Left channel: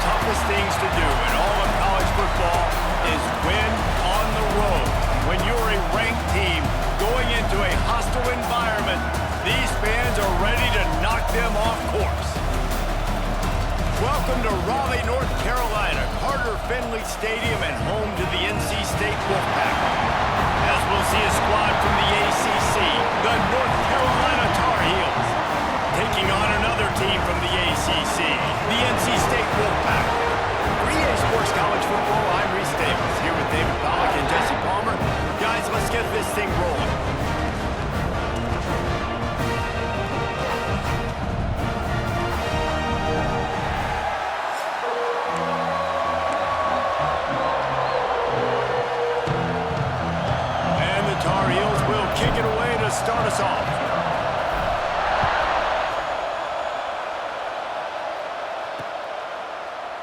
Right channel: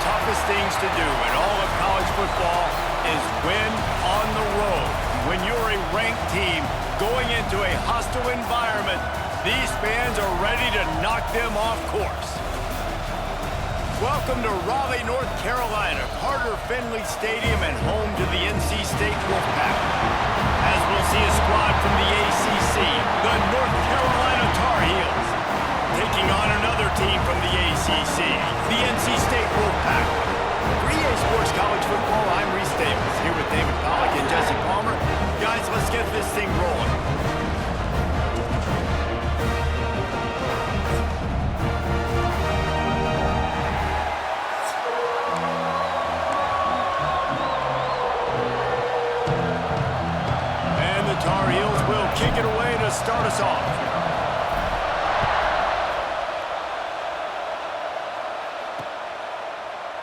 toughest things to do in all of college football is win on the road. When you're a ranked team going into a hostile environment, these fans are ready to knock them off course. Welcome to Raleigh, North Carolina, Carter Finley Stadium, and home to the NC State Wolfpack. As we'll see a squad from the ACC, the North Carolina Tar Heels, taking on another team from the ACC, the NC State Wolfpack. For EA Sports College Football, I'm Reese Davis, here with David Pollack and Jesse Palmer. Guys, let's get this thing rolling. And the Tar Heels will kick it away to start us off.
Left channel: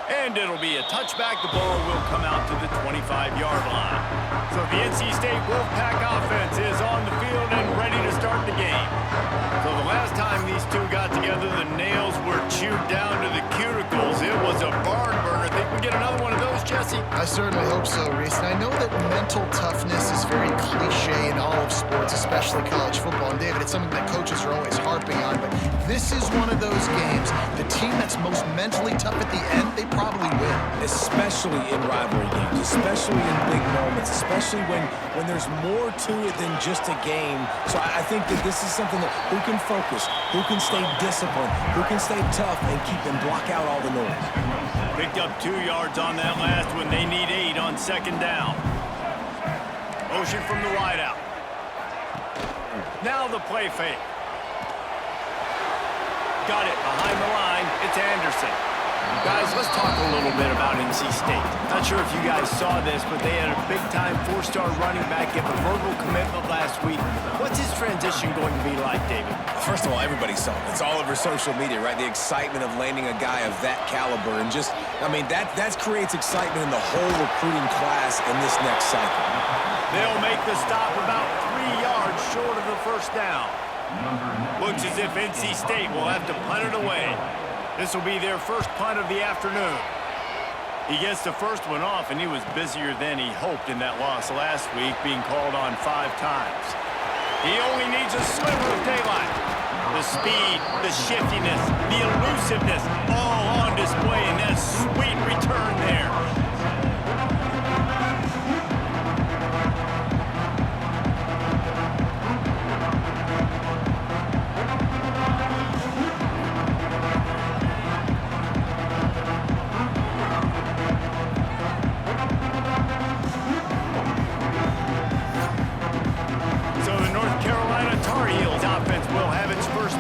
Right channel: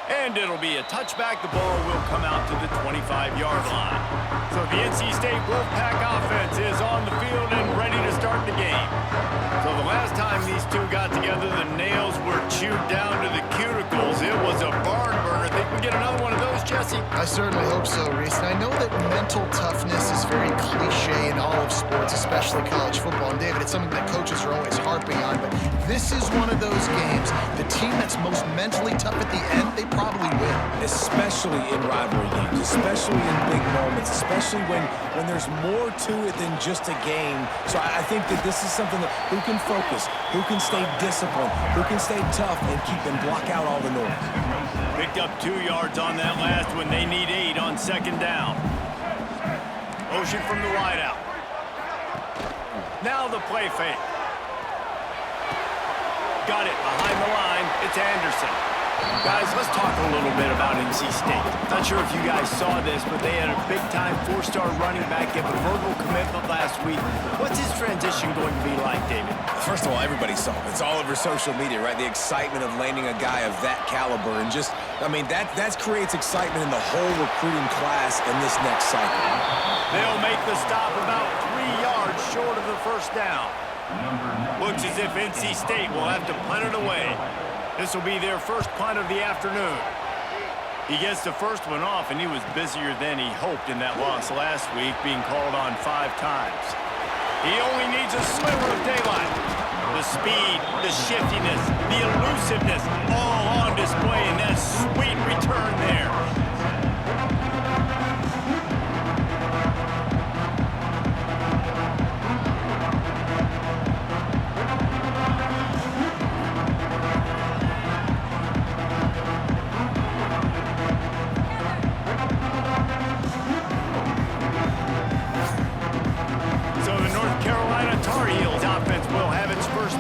And it'll be a touchback. The ball will come out to the 25-yard line. So the NC State Wolfpack offense is on the field and ready to start the game. So the last time these two got together, the nails were chewed down to the cuticles. It was a barn burner. Think we get another one of those, Jesse? I certainly hope so, Reese. And I know that mental toughness is very cliche in all of sports, especially college football. And David, it's something that coaches are always harping on. But this is one of those games. The team that's most mentally tough at the end, they probably win. Especially in rivalry games, especially in big moments, especially when there's more to it than just a game. So I think that this is something that who can focus, who can stay disciplined, who can stay tough and keep and block out all the noise. Picked up 2 yards on that last one. They need 8 on second down. Motion from the wideout. Now the play fake. Got it behind the line. It's Anderson. Guys, let's talk a little bit about NC State. Not sure if you guys saw this, but they had a big-time 4-star running back give a verbal commitment last week. What's his transition going to be like, David? First of all, everybody saw it. It's all over social media, right? The excitement of landing a guy of that caliber. And just, I mean, that creates excitement in the whole recruiting class in this next cycle. They'll make the stop about 3 yards short of the first down. Looks as if NC State will have to punt it away. This will be their first punt of the afternoon. He gets the first one off, and he was busier than he hoped in that loss last week, being called on 5 times. He only needs a sliver of daylight. The speed, the shiftiness, the elusiveness, all on display in that sweet return there.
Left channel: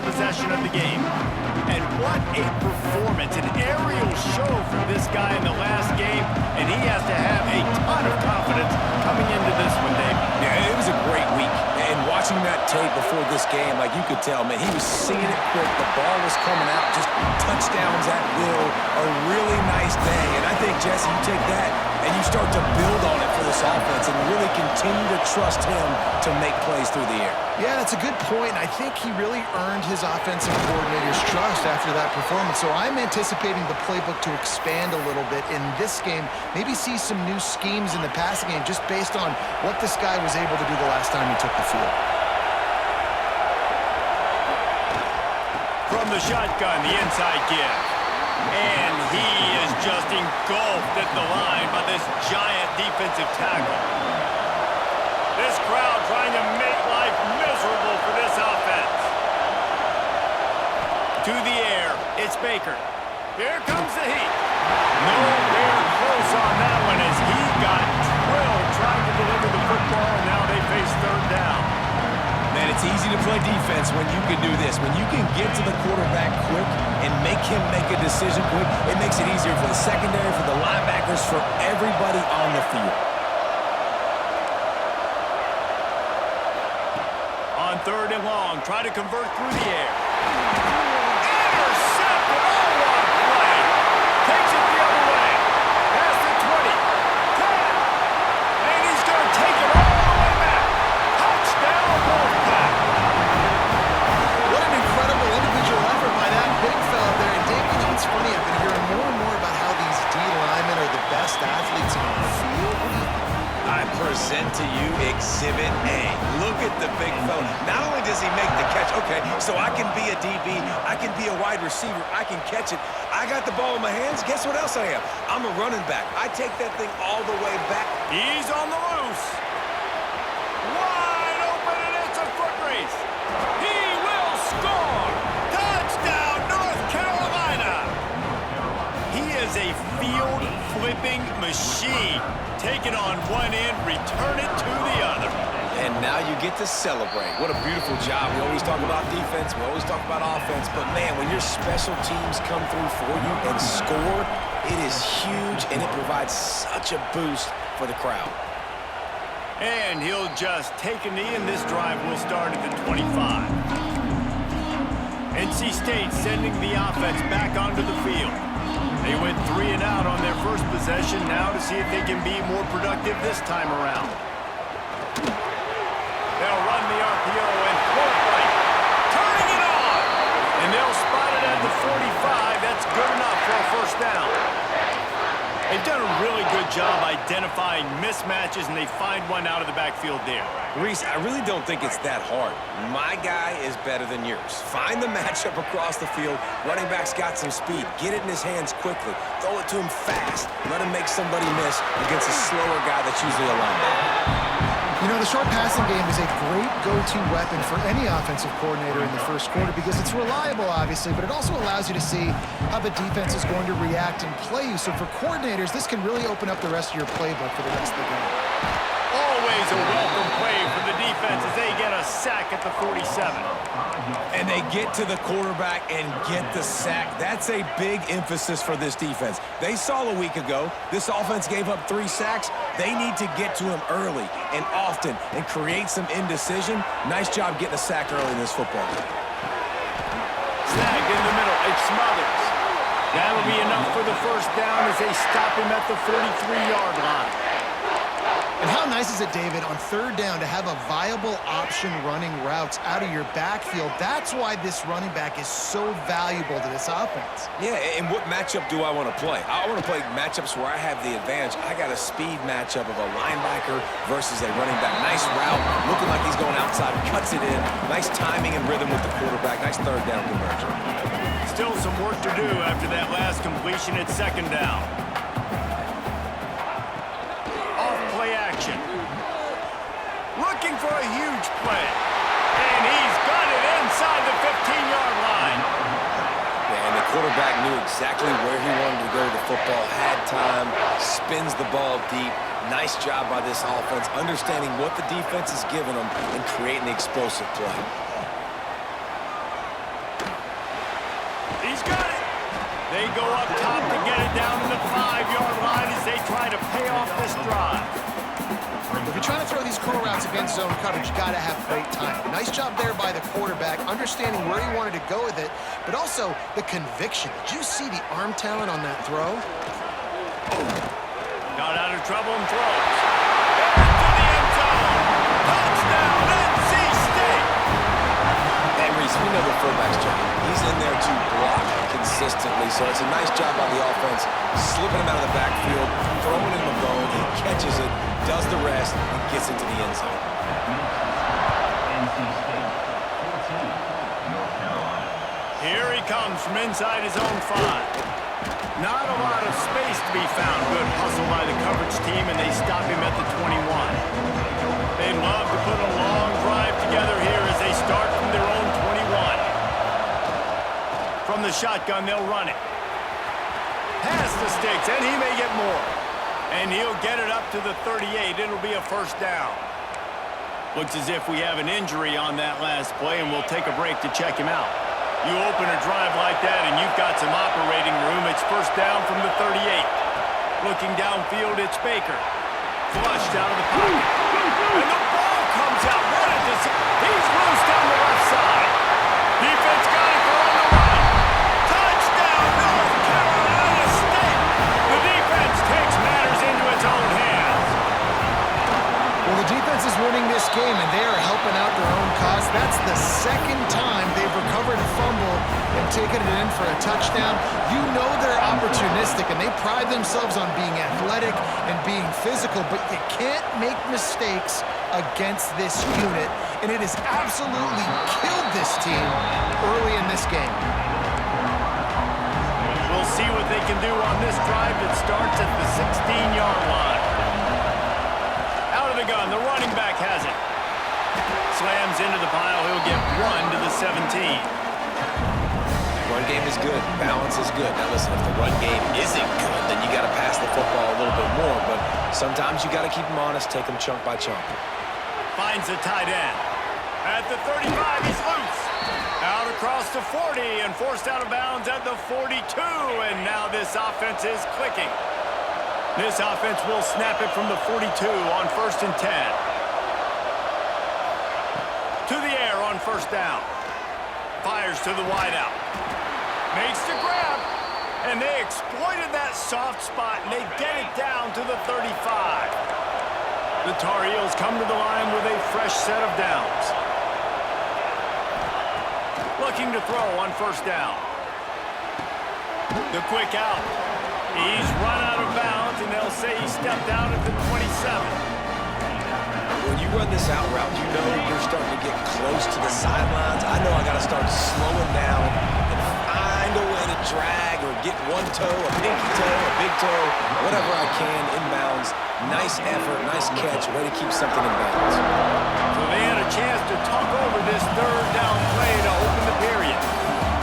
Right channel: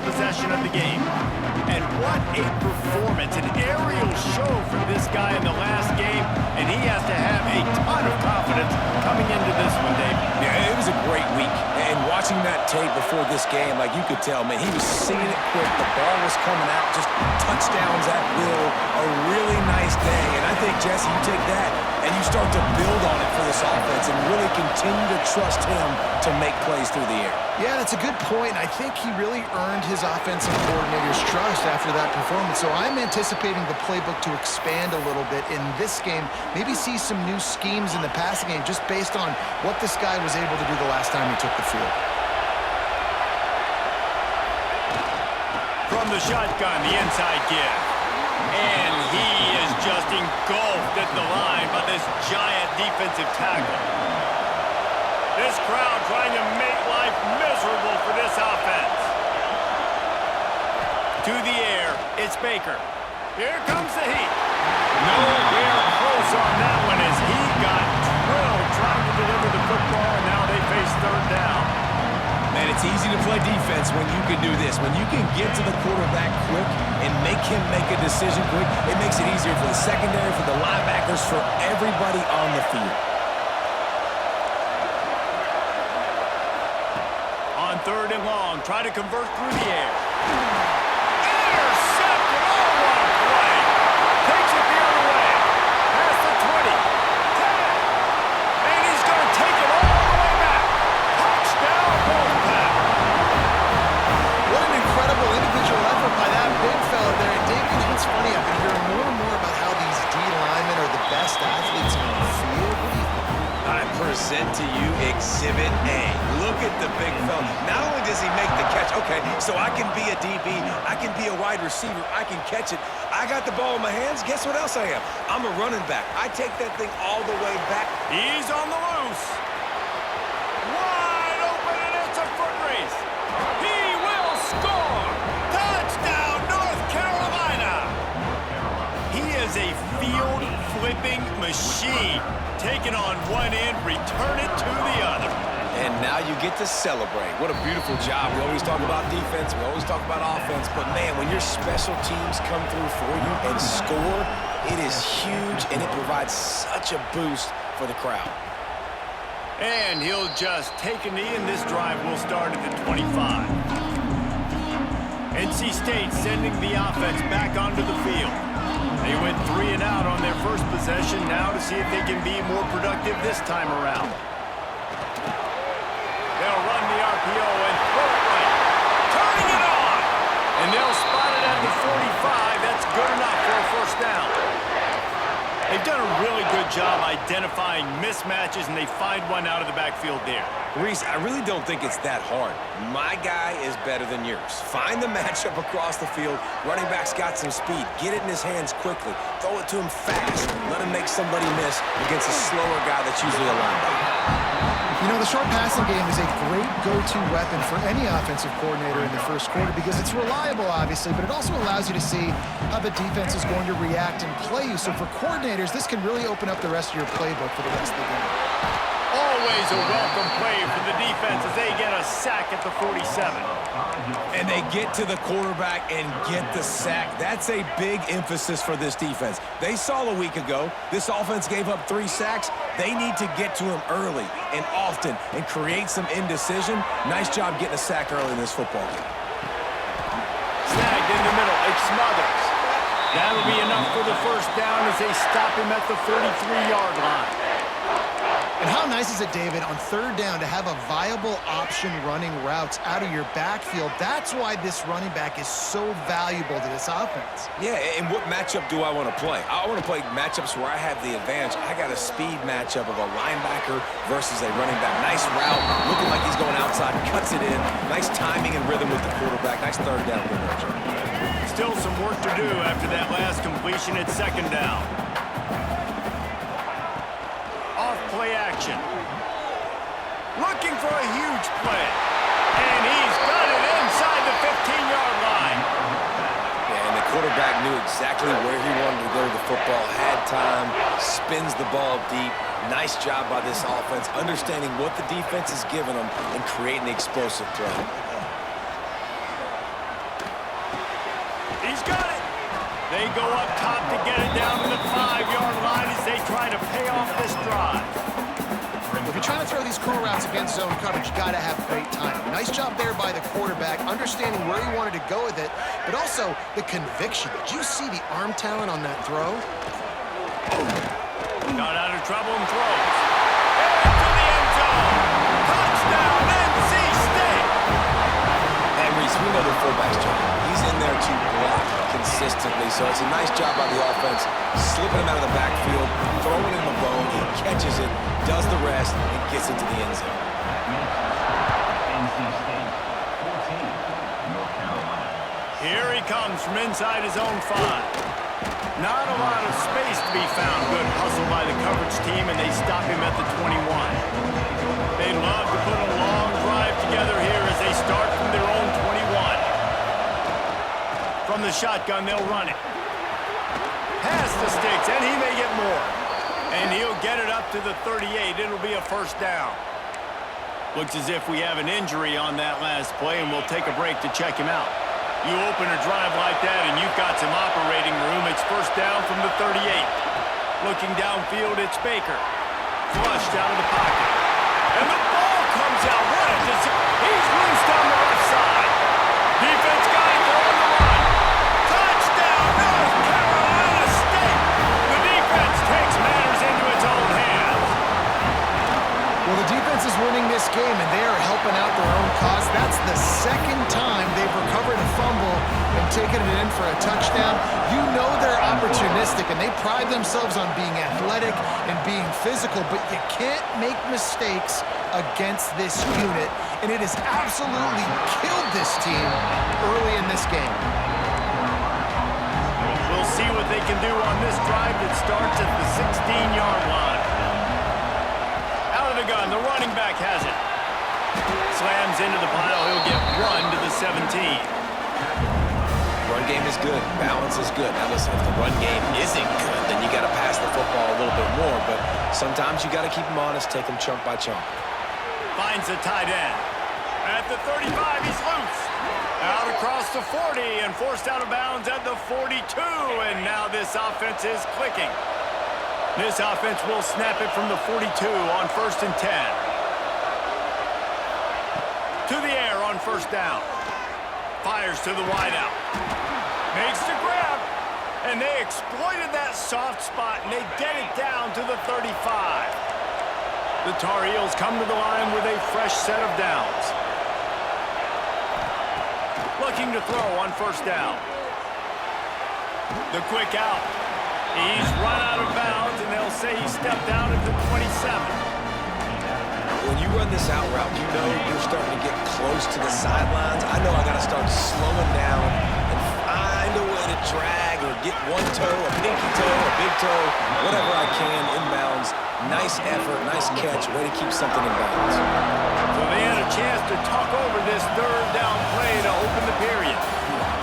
Possession of the game. And what a performance, an aerial show from this guy in the last game, and he has to have a ton of confidence coming into this one, Dave. Yeah, it was a great week, and watching that tape before this game, like you could tell, man, he was seeing it quick, the ball was coming out, just touchdowns at will, a really nice day, and I think, Jesse, you take that and you start to build on it for this offense and really continue to trust him to make plays through the air. Yeah, that's a good point. I think he really earned his offensive coordinator's trust after that performance. So I'm anticipating the playbook to expand a little bit in this game, maybe see some new schemes in the passing game just based on what this guy was able to do the last time he took the field. From the shotgun, the inside give. And he is just engulfed at the line by this giant defensive tackle. This crowd trying to make life miserable for this offense. To the air, it's Baker. Here comes the heat. Nowhere close on that one as he got drilled trying to deliver the football, and now they face third down. Man, it's easy to play defense when you can do this. When you can get to the quarterback quick and make him make a decision quick, it makes it easier for the secondary, for the linebackers, for everybody on the field. On third and long, try to convert through the air. Intercepted! Oh, what a play! Takes it the other way. Past the 20, 10, and he's going to take it all the way back. Touchdown, Wolfpack! What an incredible individual effort by that big fella there. And Dave, you know, it's funny, I've been hearing more and more about how these best athletes on the field? What do you think? I present to you Exhibit A. Look at the big fella. Not only does he make the catch, okay, so I can be a DB, I can be a wide receiver, I can catch it. I got the ball in my hands. Guess what else I am? I'm a running back. I take that thing all the way back. He's on the loose. Wide open, and it's a foot race. He will score. Touchdown, North Carolina. He is a field-flipping machine. Take it on one end, return it to the other. And now you get to celebrate. What a beautiful job. We always talk about defense, we always talk about offense, but man, when your special teams come through for you and score, it is huge, and it provides such a boost for the crowd. And he'll just take a knee, and this drive will start at the 25. NC State sending the offense back onto the field. They went 3 and out on their first possession, now to see if they can be more productive this time around. They'll run the RPO and throw it right. Turning it on! And they'll spot it at the 45. That's good enough for a first down. They've done a really good job identifying mismatches, and they find one out of the backfield there. Reese, I really don't think it's that hard. My guy is better than yours. Find the matchup across the field. Running back's got some speed. Get it in his hands quickly. Throw it to him fast. Let him make somebody miss against a slower guy that's usually a linebacker. You know, the short passing game is a great go-to weapon for any offensive coordinator in the first quarter because it's reliable, obviously, but it also allows you to see how the defense is going to react and play you. So for coordinators, this can really open up the rest of your playbook for the rest of the game. Always a welcome play for the defense as they get a sack at the 47. And they get to the quarterback and get the sack. That's a big emphasis for this defense. They saw a week ago, this offense gave up 3 sacks. They need to get to him early and often and create some indecision. Nice job getting a sack early in this football game. Snagged in the middle, it's Smothers. That'll be enough for the first down as they stop him at the 33-yard line. And how nice is it, David, on third down to have a viable option running routes out of your backfield? That's why this running back is so valuable to this offense. Yeah, and what matchup do I want to play? I want to play matchups where I have the advantage. I got a speed matchup of a linebacker versus a running back. Nice route, looking like he's going outside, cuts it in. Nice timing and rhythm with the quarterback. Nice third down conversion. Still some work to do after that last completion at second down. Play action. Looking for a huge play. And he's got it inside the 15-yard line. Yeah, and the quarterback knew exactly where he wanted to go with the football, had time, spins the ball deep. Nice job by this offense, understanding what the defense is giving them and creating the explosive play. He's got it. They go up top to get it down to the 5-yard line as they try to pay off this drive. If you're trying to throw these curl routes against zone coverage, you got to have great timing. Nice job there by the quarterback, understanding where he wanted to go with it, but also the conviction. Did you see the arm talent on that throw? Got out of trouble and throws. Into the end zone. Touchdown, NC State. And Reese, we know the fullback's job. He's in there to block consistently, so it's a nice job by the offense, slipping him out of the backfield, throwing him a bone. He catches it, does the rest, and gets into the end zone. Here he comes from inside his own 5. Not a lot of space to be found. Good hustle by the coverage team, and they stop him at the 21. They'd love to put a long drive together here as they start from their own 21. From the shotgun, they'll run it. Pass the sticks, and he may get more. And he'll get it up to the 38. It'll be a first down. Looks as if we have an injury on that last play, and we'll take a break to check him out. You open a drive like that, and you've got some operating room. It's first down from the 38. Looking downfield, it's Baker. Flushed out of the pocket. And the ball comes out. What a disaster. He's loose down the left side. Defense got it. They're on the run. Touchdown, North Carolina State. The defense takes matters into its own hands. Well, the defense defense is winning this game, and they are helping out their own cause. That's the second time they've recovered a fumble and taken it in for a touchdown. You know they're opportunistic, and they pride themselves on being athletic and being physical, but you can't make mistakes against this unit, and it has absolutely killed this team early in this game. We'll see what they can do on this drive that starts at the 16-yard line. Out of the gun, the running back has it. Slams into the pile, he'll get 1 to the 17. Run game is good. Balance is good. Now listen, if the run game isn't good, then you got to pass the football a little bit more. But sometimes you got to keep them honest, take them chunk by chunk. Finds the tight end. At the 35, he's loose. Out across the 40 and forced out of bounds at the 42. And now this offense is clicking. This offense will snap it from the 42 on 1st and 10. To the air on 1st down. Fires to the wideout. Makes the grab. And they exploited that soft spot, and they get it down to the 35. The Tar Heels come to the line with a fresh set of downs. Looking to throw on 1st down. The quick out. He's run out of bounds, and they'll say he stepped out at the 27. When you run this out route, you know you're starting to get close to the sidelines. I know I got to start slowing down and find a way to drag or get one toe, a pinky toe, a big toe, whatever I can inbounds. Nice effort, nice catch, way to keep something in bounds. So they had a chance to talk over this 3rd down play to open the period.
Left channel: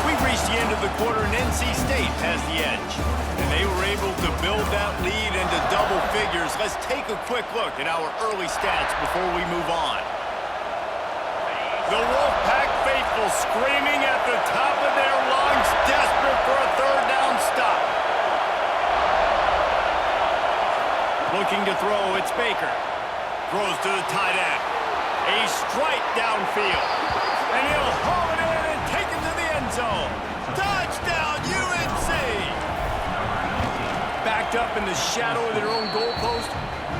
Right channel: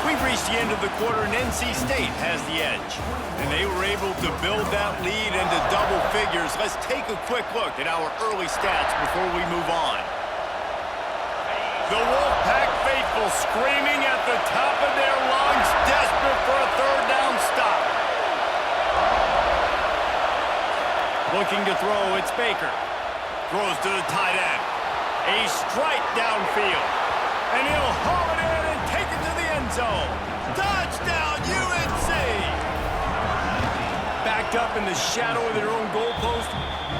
We've reached the end of the quarter, and NC State has the edge. And they were able to build that lead into double figures. Let's take a quick look at our early stats before we move on. The Wolfpack faithful screaming at the top of their lungs, desperate for a 3rd down stop. Looking to throw, it's Baker. Throws to the tight end. A strike downfield. And he'll haul it in and take it to the end zone. Touchdown, UNC! Backed up in the shadow of their own goalpost,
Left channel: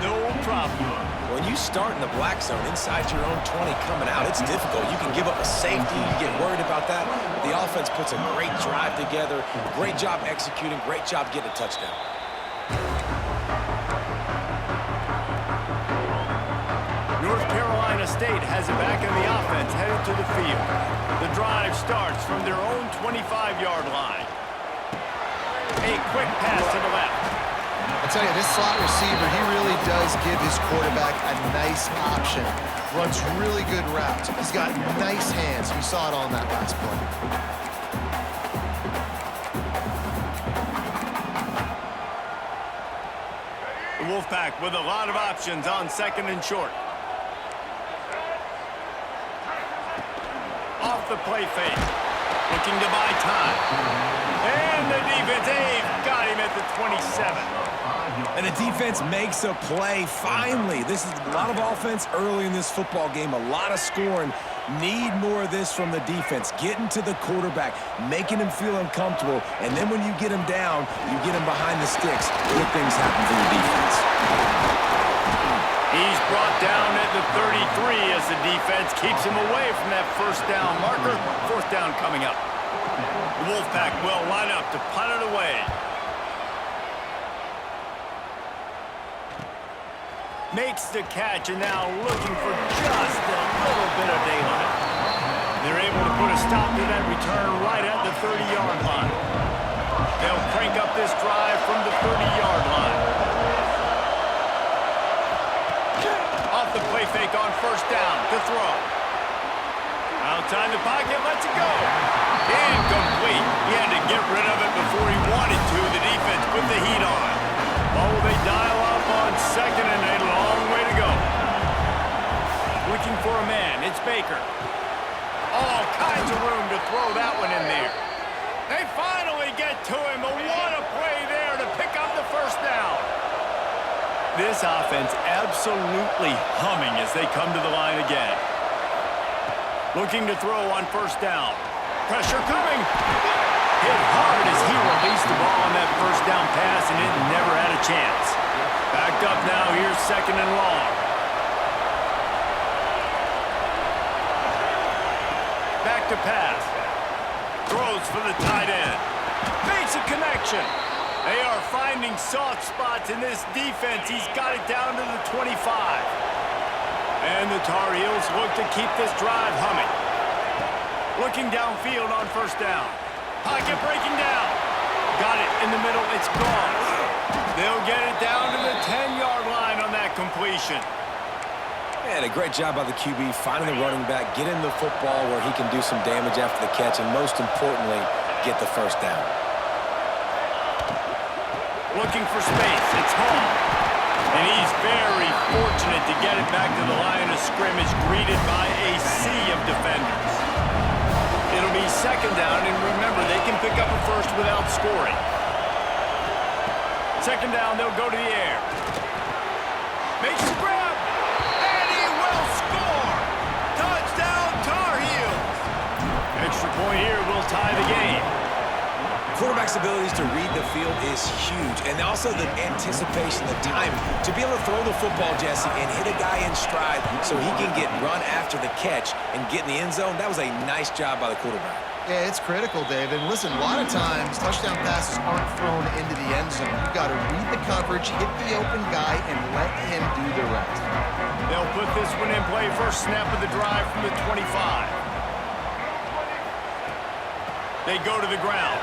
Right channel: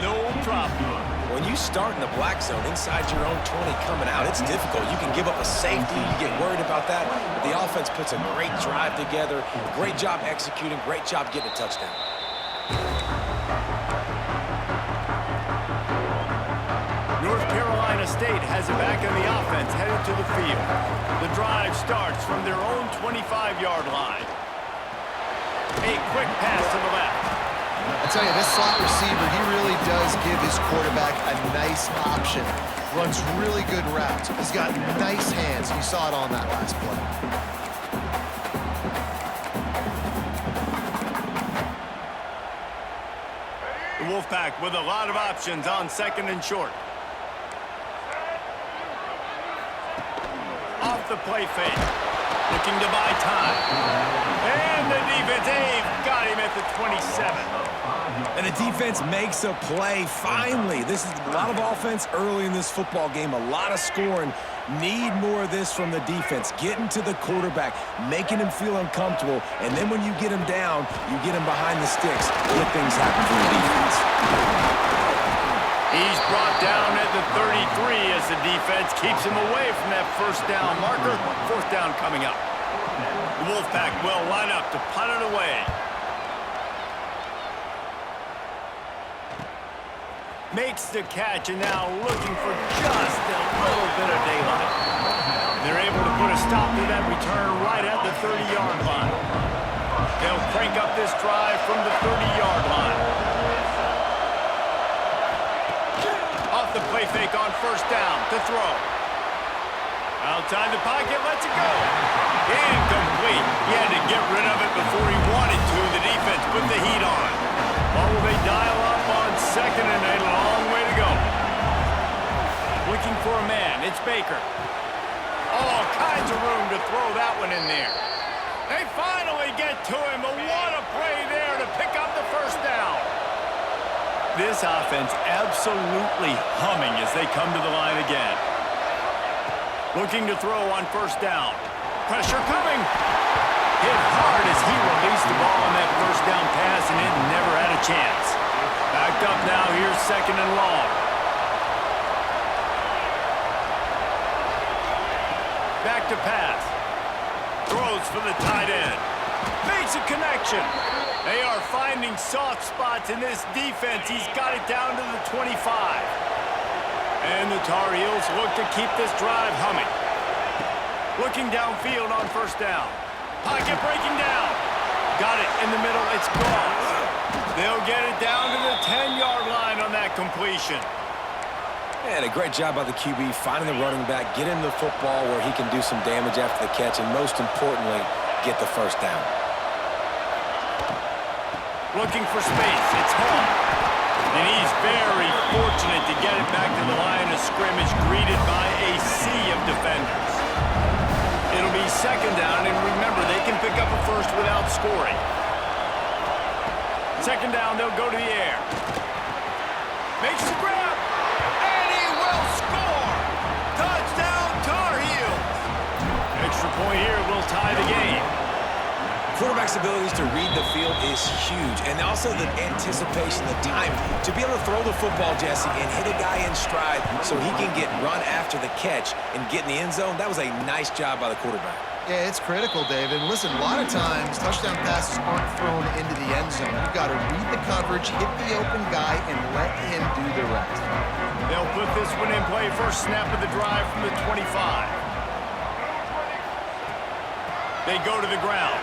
no problem. When you start in the black zone inside your own 20 coming out, it's difficult. You can give up a safety, you get worried about that. But the offense puts a great drive together. Great job executing, great job getting a touchdown. North Carolina State has it back in the offense, headed to the field. The drive starts from their own 25-yard line. A quick pass to the left. I tell you, this slot receiver, he really does give his quarterback a nice option. Runs really good routes. He's got nice hands. You saw it on that last play. The Wolfpack with a lot of options on 2nd and short. Off the play fake. Looking to buy time. And the defense, they've got him at the 27. And the defense makes a play, finally. This is a lot of offense early in this football game, a lot of scoring. Need more of this from the defense. Getting to the quarterback, making him feel uncomfortable, and then when you get him down, you get him behind the sticks. Good things happen for the defense. He's brought down at the 33 as the defense keeps him away from that 1st down marker. 4th down coming up. The Wolfpack will line up to punt it away. Makes the catch, and now looking for just a little bit of daylight. And they're able to put a stop to that return right at the 30-yard line. They'll crank up this drive from the 30-yard line. Off the play fake on 1st down to throw. Outside the pocket, lets it go. Incomplete. He had to get rid of it before he wanted to. The defense put the heat on. Well, will they dial up on 2nd and a long way to go? Looking for a man, it's Baker. All kinds of room to throw that one in there. They finally get to him, but what a play there to pick up the 1st down. This offense absolutely humming as they come to the line again. Looking to throw on 1st down. Pressure coming. Hit hard as he released the ball on that 1st down pass, and it never had a chance. Backed up now, here's 2nd and long. Back to pass. Throws for the tight end. Makes a connection. They are finding soft spots in this defense. He's got it down to the 25. And the Tar Heels look to keep this drive humming. Looking downfield on first down. Pocket breaking down. Got it in the middle. It's gone. They'll get it down to the 10-yard line on that completion. And a great job by the QB finding the running back, getting the football where he can do some damage after the catch, and most importantly, get the first down. Looking for space. It's Hall. And he's very fortunate to get it back to the line of scrimmage, greeted by a sea of defenders. It'll be second down, and remember, they can pick up a first without scoring. Second down, they'll go to the air. Makes the grab, and he will score! Touchdown, Tar Heels! Extra point here will tie the game. Quarterback's abilities to read the field is huge, and also the anticipation, the time to be able to throw the football, Jesse, and hit a guy in stride so he can get run after the catch and get in the end zone. That was a nice job by the quarterback. Yeah, it's critical, David. And listen, a lot of times touchdown passes aren't thrown into the end zone. You've got to read the coverage, hit the open guy, and let him do the rest. They'll put this one in play. First snap of the drive from the 25. They go to the ground.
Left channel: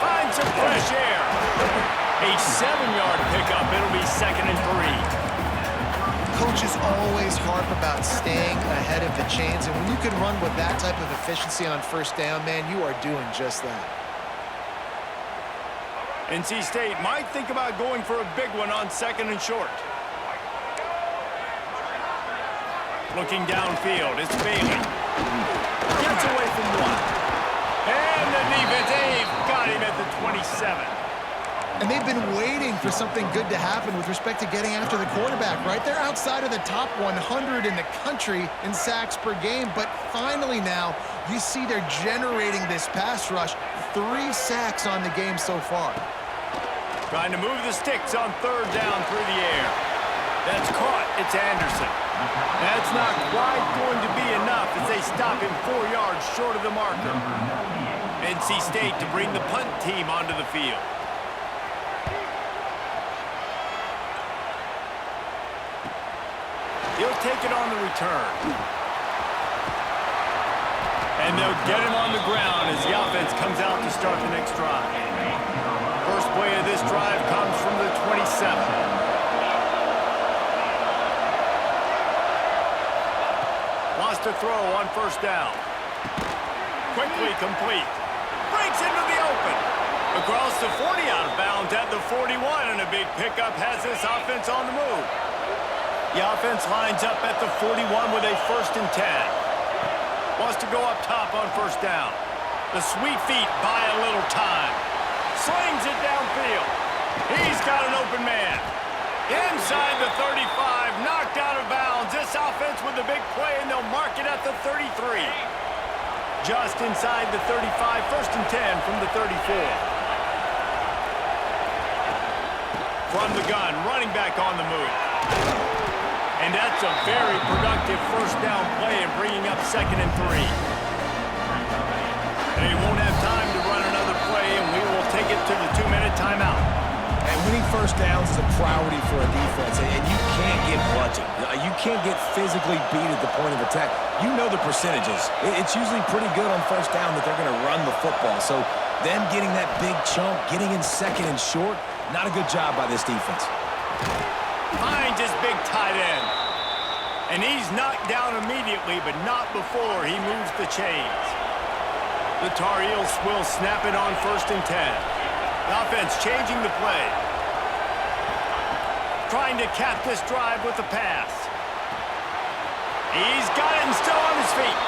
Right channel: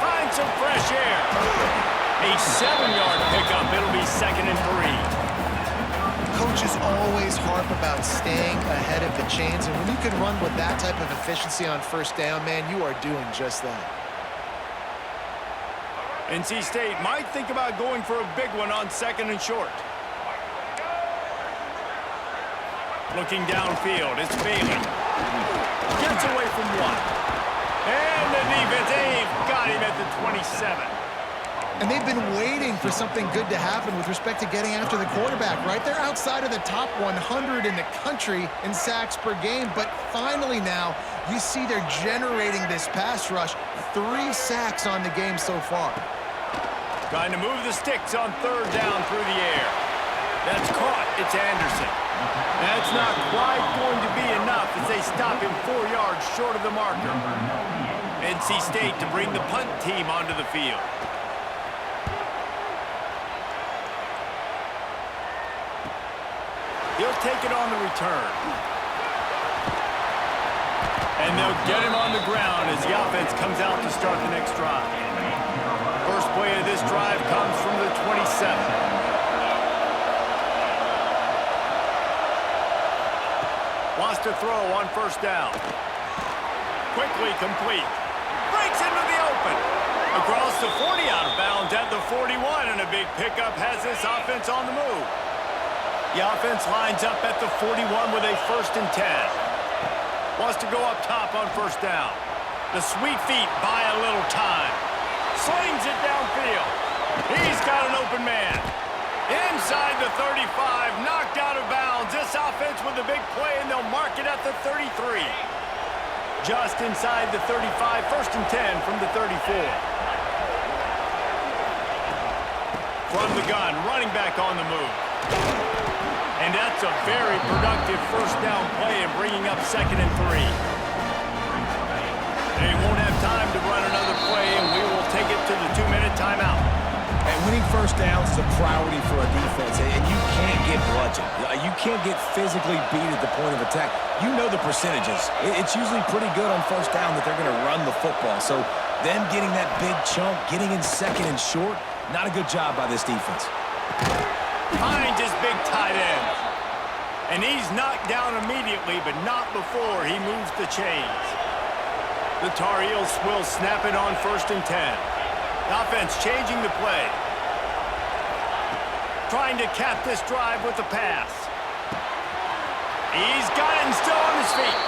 Find some fresh air. A 7-yard pickup. It'll be second and 3. Coaches always harp about staying ahead of the chains, and when you can run with that type of efficiency on first down, man, you are doing just that. NC State might think about going for a big one on second and short. Looking downfield, it's Bailey. Gets away from one. And the defense, they've got him at the 27. And they've been waiting for something good to happen with respect to getting after the quarterback, right? They're outside of the top 100 in the country in sacks per game, but finally now you see they're generating this pass rush. 3 sacks on the game so far. Trying to move the sticks on third down through the air. That's caught. It's Anderson. That's not quite going to be enough as they stop him 4 yards short of the marker. NC State to bring the punt team onto the field. He'll take it on the return. And they'll get him on the ground as the offense comes out to start the next drive. First play of this drive comes from the 27. Wants to throw on first down. Quickly complete. Breaks into the open. Across the 40, out of bounds at the 41, and a big pickup has this offense on the move. The offense lines up at the 41 with a 1st and 10. Wants to go up top on first down. The sweet feet buy a little time. Slings it downfield. He's got an open man. Inside the 35, knocked out of bounds. This offense with a big play, and they'll mark it at the 33. Just inside the 35, 1st and 10 from the 34. From the gun, running back on the move. And that's a very productive first down play and bringing up 2nd and 3. They won't have time to run another play, and we will take it to the 2-minute timeout. And winning first downs is a priority for a defense, and you can't get bludgeoned. You can't get physically beat at the point of attack. You know the percentages. It's usually pretty good on first down that they're going to run the football. So them getting that big chunk, getting in second and short, not a good job by this defense. Finds his big tight end. And he's knocked down immediately, but not before he moves the chains. The Tar Heels will snap it on 1st and 10. The offense changing the play. Trying to cap this drive with the pass. He's got it and still on his feet.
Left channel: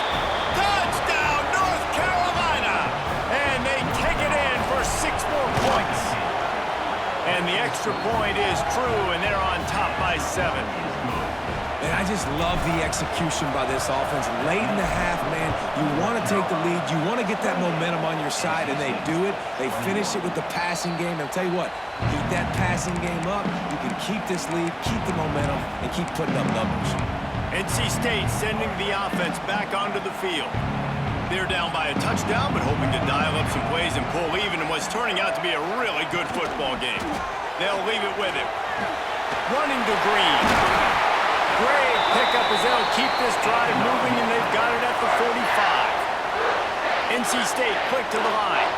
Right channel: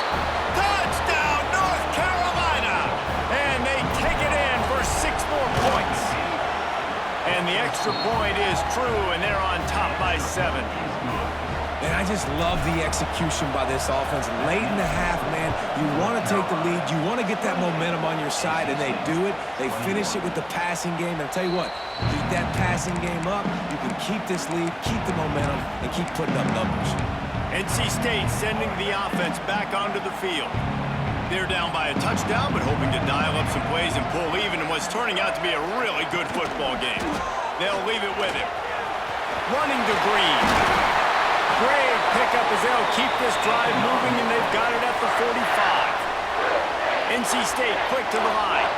Touchdown, North Carolina! And they take it in for 6 more points. And the extra point is true, and they're on top by 7. And I just love the execution by this offense. Late in the half, man, you want to take the lead. You want to get that momentum on your side, and they do it. They finish it with the passing game. And I'll tell you what, keep that passing game up. You can keep this lead, keep the momentum, and keep putting up numbers. NC State sending the offense back onto the field. They're down by a touchdown, but hoping to dial up some plays and pull even in what's turning out to be a really good football game. They'll leave it with him. Running to Green. Great pickup as they'll keep this drive moving, and they've got it at the 45. NC State quick to the line.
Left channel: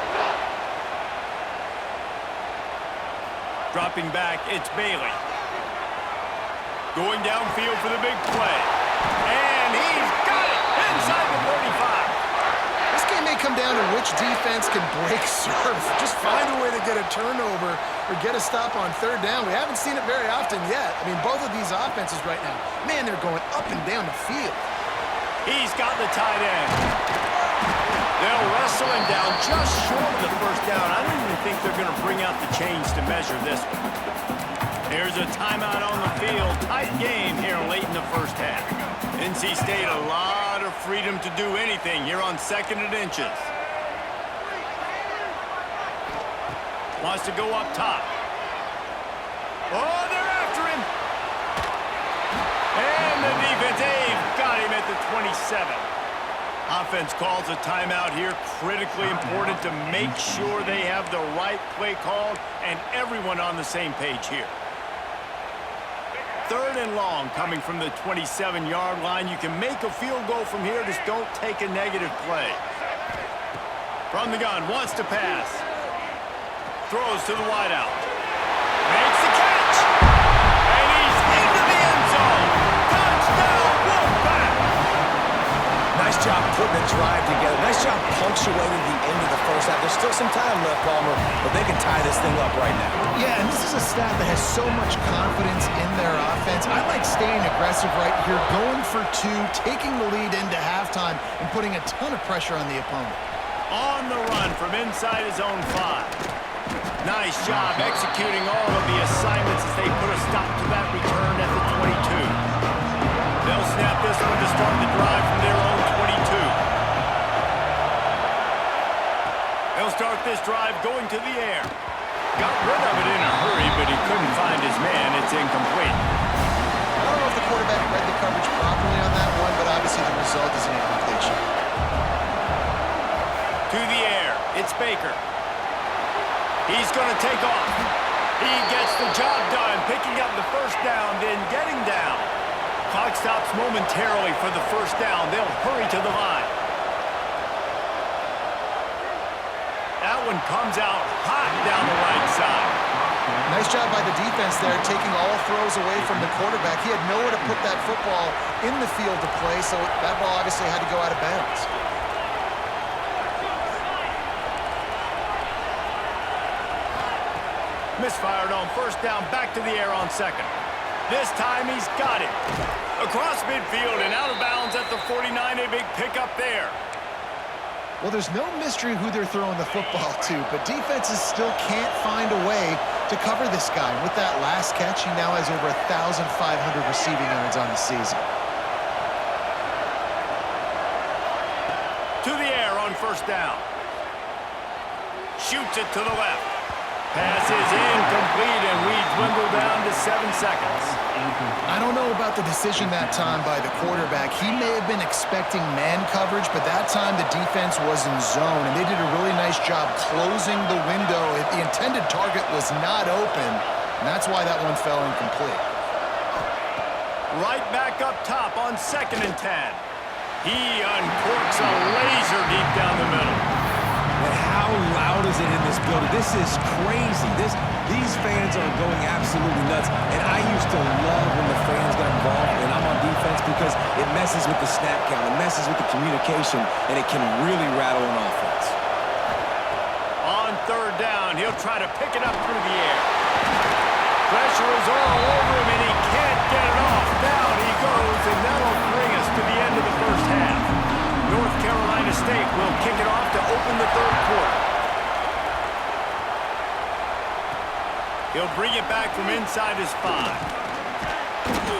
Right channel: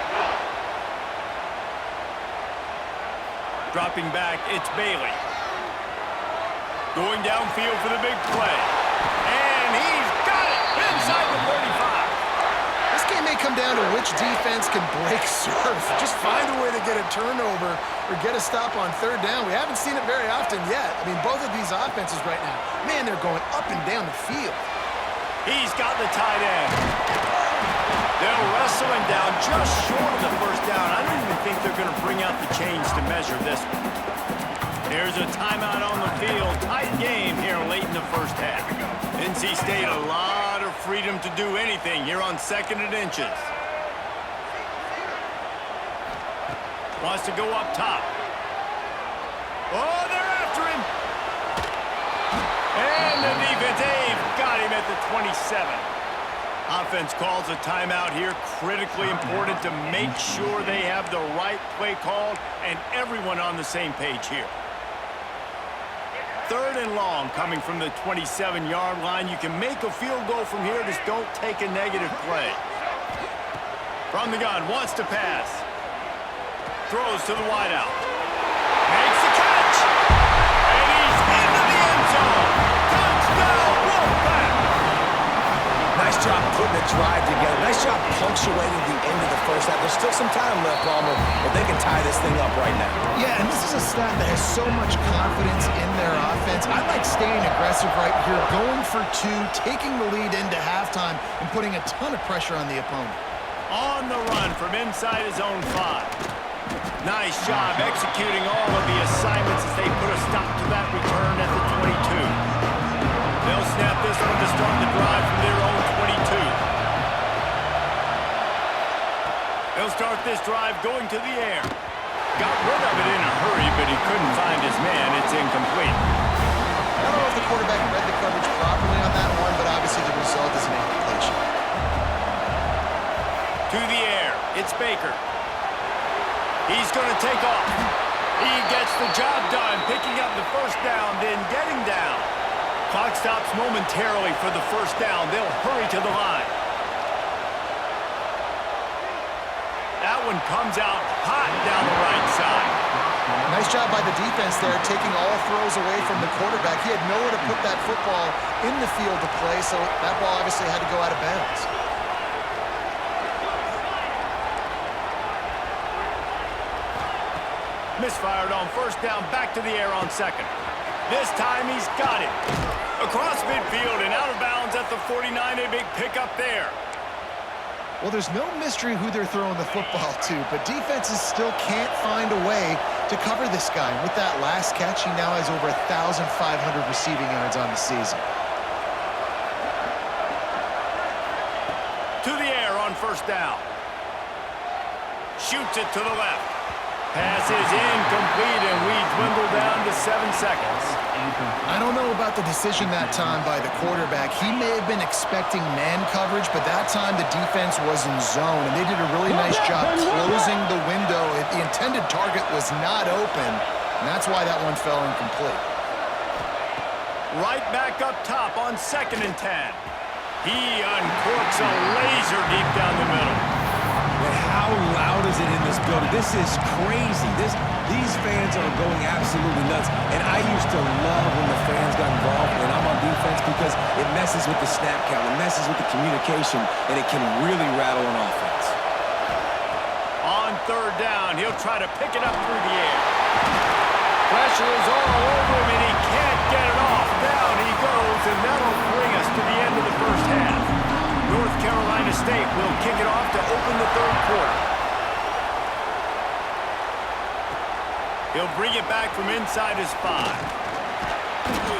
Dropping back, it's Bailey. Going downfield for the big play. And he's got it inside the 35. This game may come down to which defense can break surf. Just find a way to get a turnover or get a stop on third down. We haven't seen it very often yet. I mean, both of these offenses right now, man, they're going up and down the field. He's got the tight end. They'll wrestle him down just short of the first down. I don't even think they're going to bring out the chains to measure this one. There's a timeout on the field. Tight game here late in the first half. NC State a lot of freedom to do anything here on 2nd and inches. Wants to go up top. Oh, they're after him. And the defense, they've got him at the 27. Offense calls a timeout here. Critically important to make sure they have the right play called and everyone on the same page here. 3rd and long coming from the 27-yard line. You can make a field goal from here. Just don't take a negative play. From the gun, wants to pass. Throws to the wideout. Makes the catch. And he's into the end zone. Touchdown, Wolfpack. Nice job putting a drive together. Nice job punctuating the end of the first half. There's still some time left, Palmer, but they can tie this thing up right now. Yeah, and this is a stat that has so much confidence in their offense. I like staying aggressive right here, going for 2, taking the lead into halftime, and putting a ton of pressure on the opponent. On the run from inside his own 5. Nice job executing all of the assignments as they put a stop to that return at the 22. They'll snap this one to start the drive from their own 22. They'll start this drive going to the air. Got rid of it in a hurry, but he couldn't find his man. It's incomplete. I don't know if the quarterback read the coverage properly on that one, but obviously the result is an incompletion. To the air. It's Baker. He's going to take off. He gets the job done, picking up the first down, then getting down. Clock stops momentarily for the first down. They'll hurry to the line. That one comes out hot down the right side. Nice job by the defense there, taking all throws away from the quarterback. He had nowhere to put that football in the field to play, so that ball obviously had to go out of bounds. Misfired on first down, back to the air on 2nd. This time he's got it. Across midfield and out of bounds at the 49, a big pickup there. Well, there's no mystery who they're throwing the football to, but defenses still can't find a way to cover this guy. With that last catch, he now has over 1,500 receiving yards on the season. To the air on first down. Shoots it to the left. Pass is incomplete, and we dwindle down to 7 seconds. I don't know about the decision that time by the quarterback. He may have been expecting man coverage, but that time the defense was in zone, and they did a really nice job closing the window. The intended target was not open, and that's why that one fell incomplete. Right back up top on 2nd and 10. He uncorks a laser deep down the middle. And how loud is it in this building? This is crazy. These fans are going absolutely nuts. And I used to love when the fans got involved and I'm on defense because it messes with the snap count, it messes with the communication, and it can really rattle an offense. On 3rd down, he'll try to pick it up through the air. Pressure is all over him, and he can't get it off. Down he goes, and that'll bring us to the end of the first half. North Carolina State will kick it off to open the 3rd quarter. He'll bring it back from inside his 5.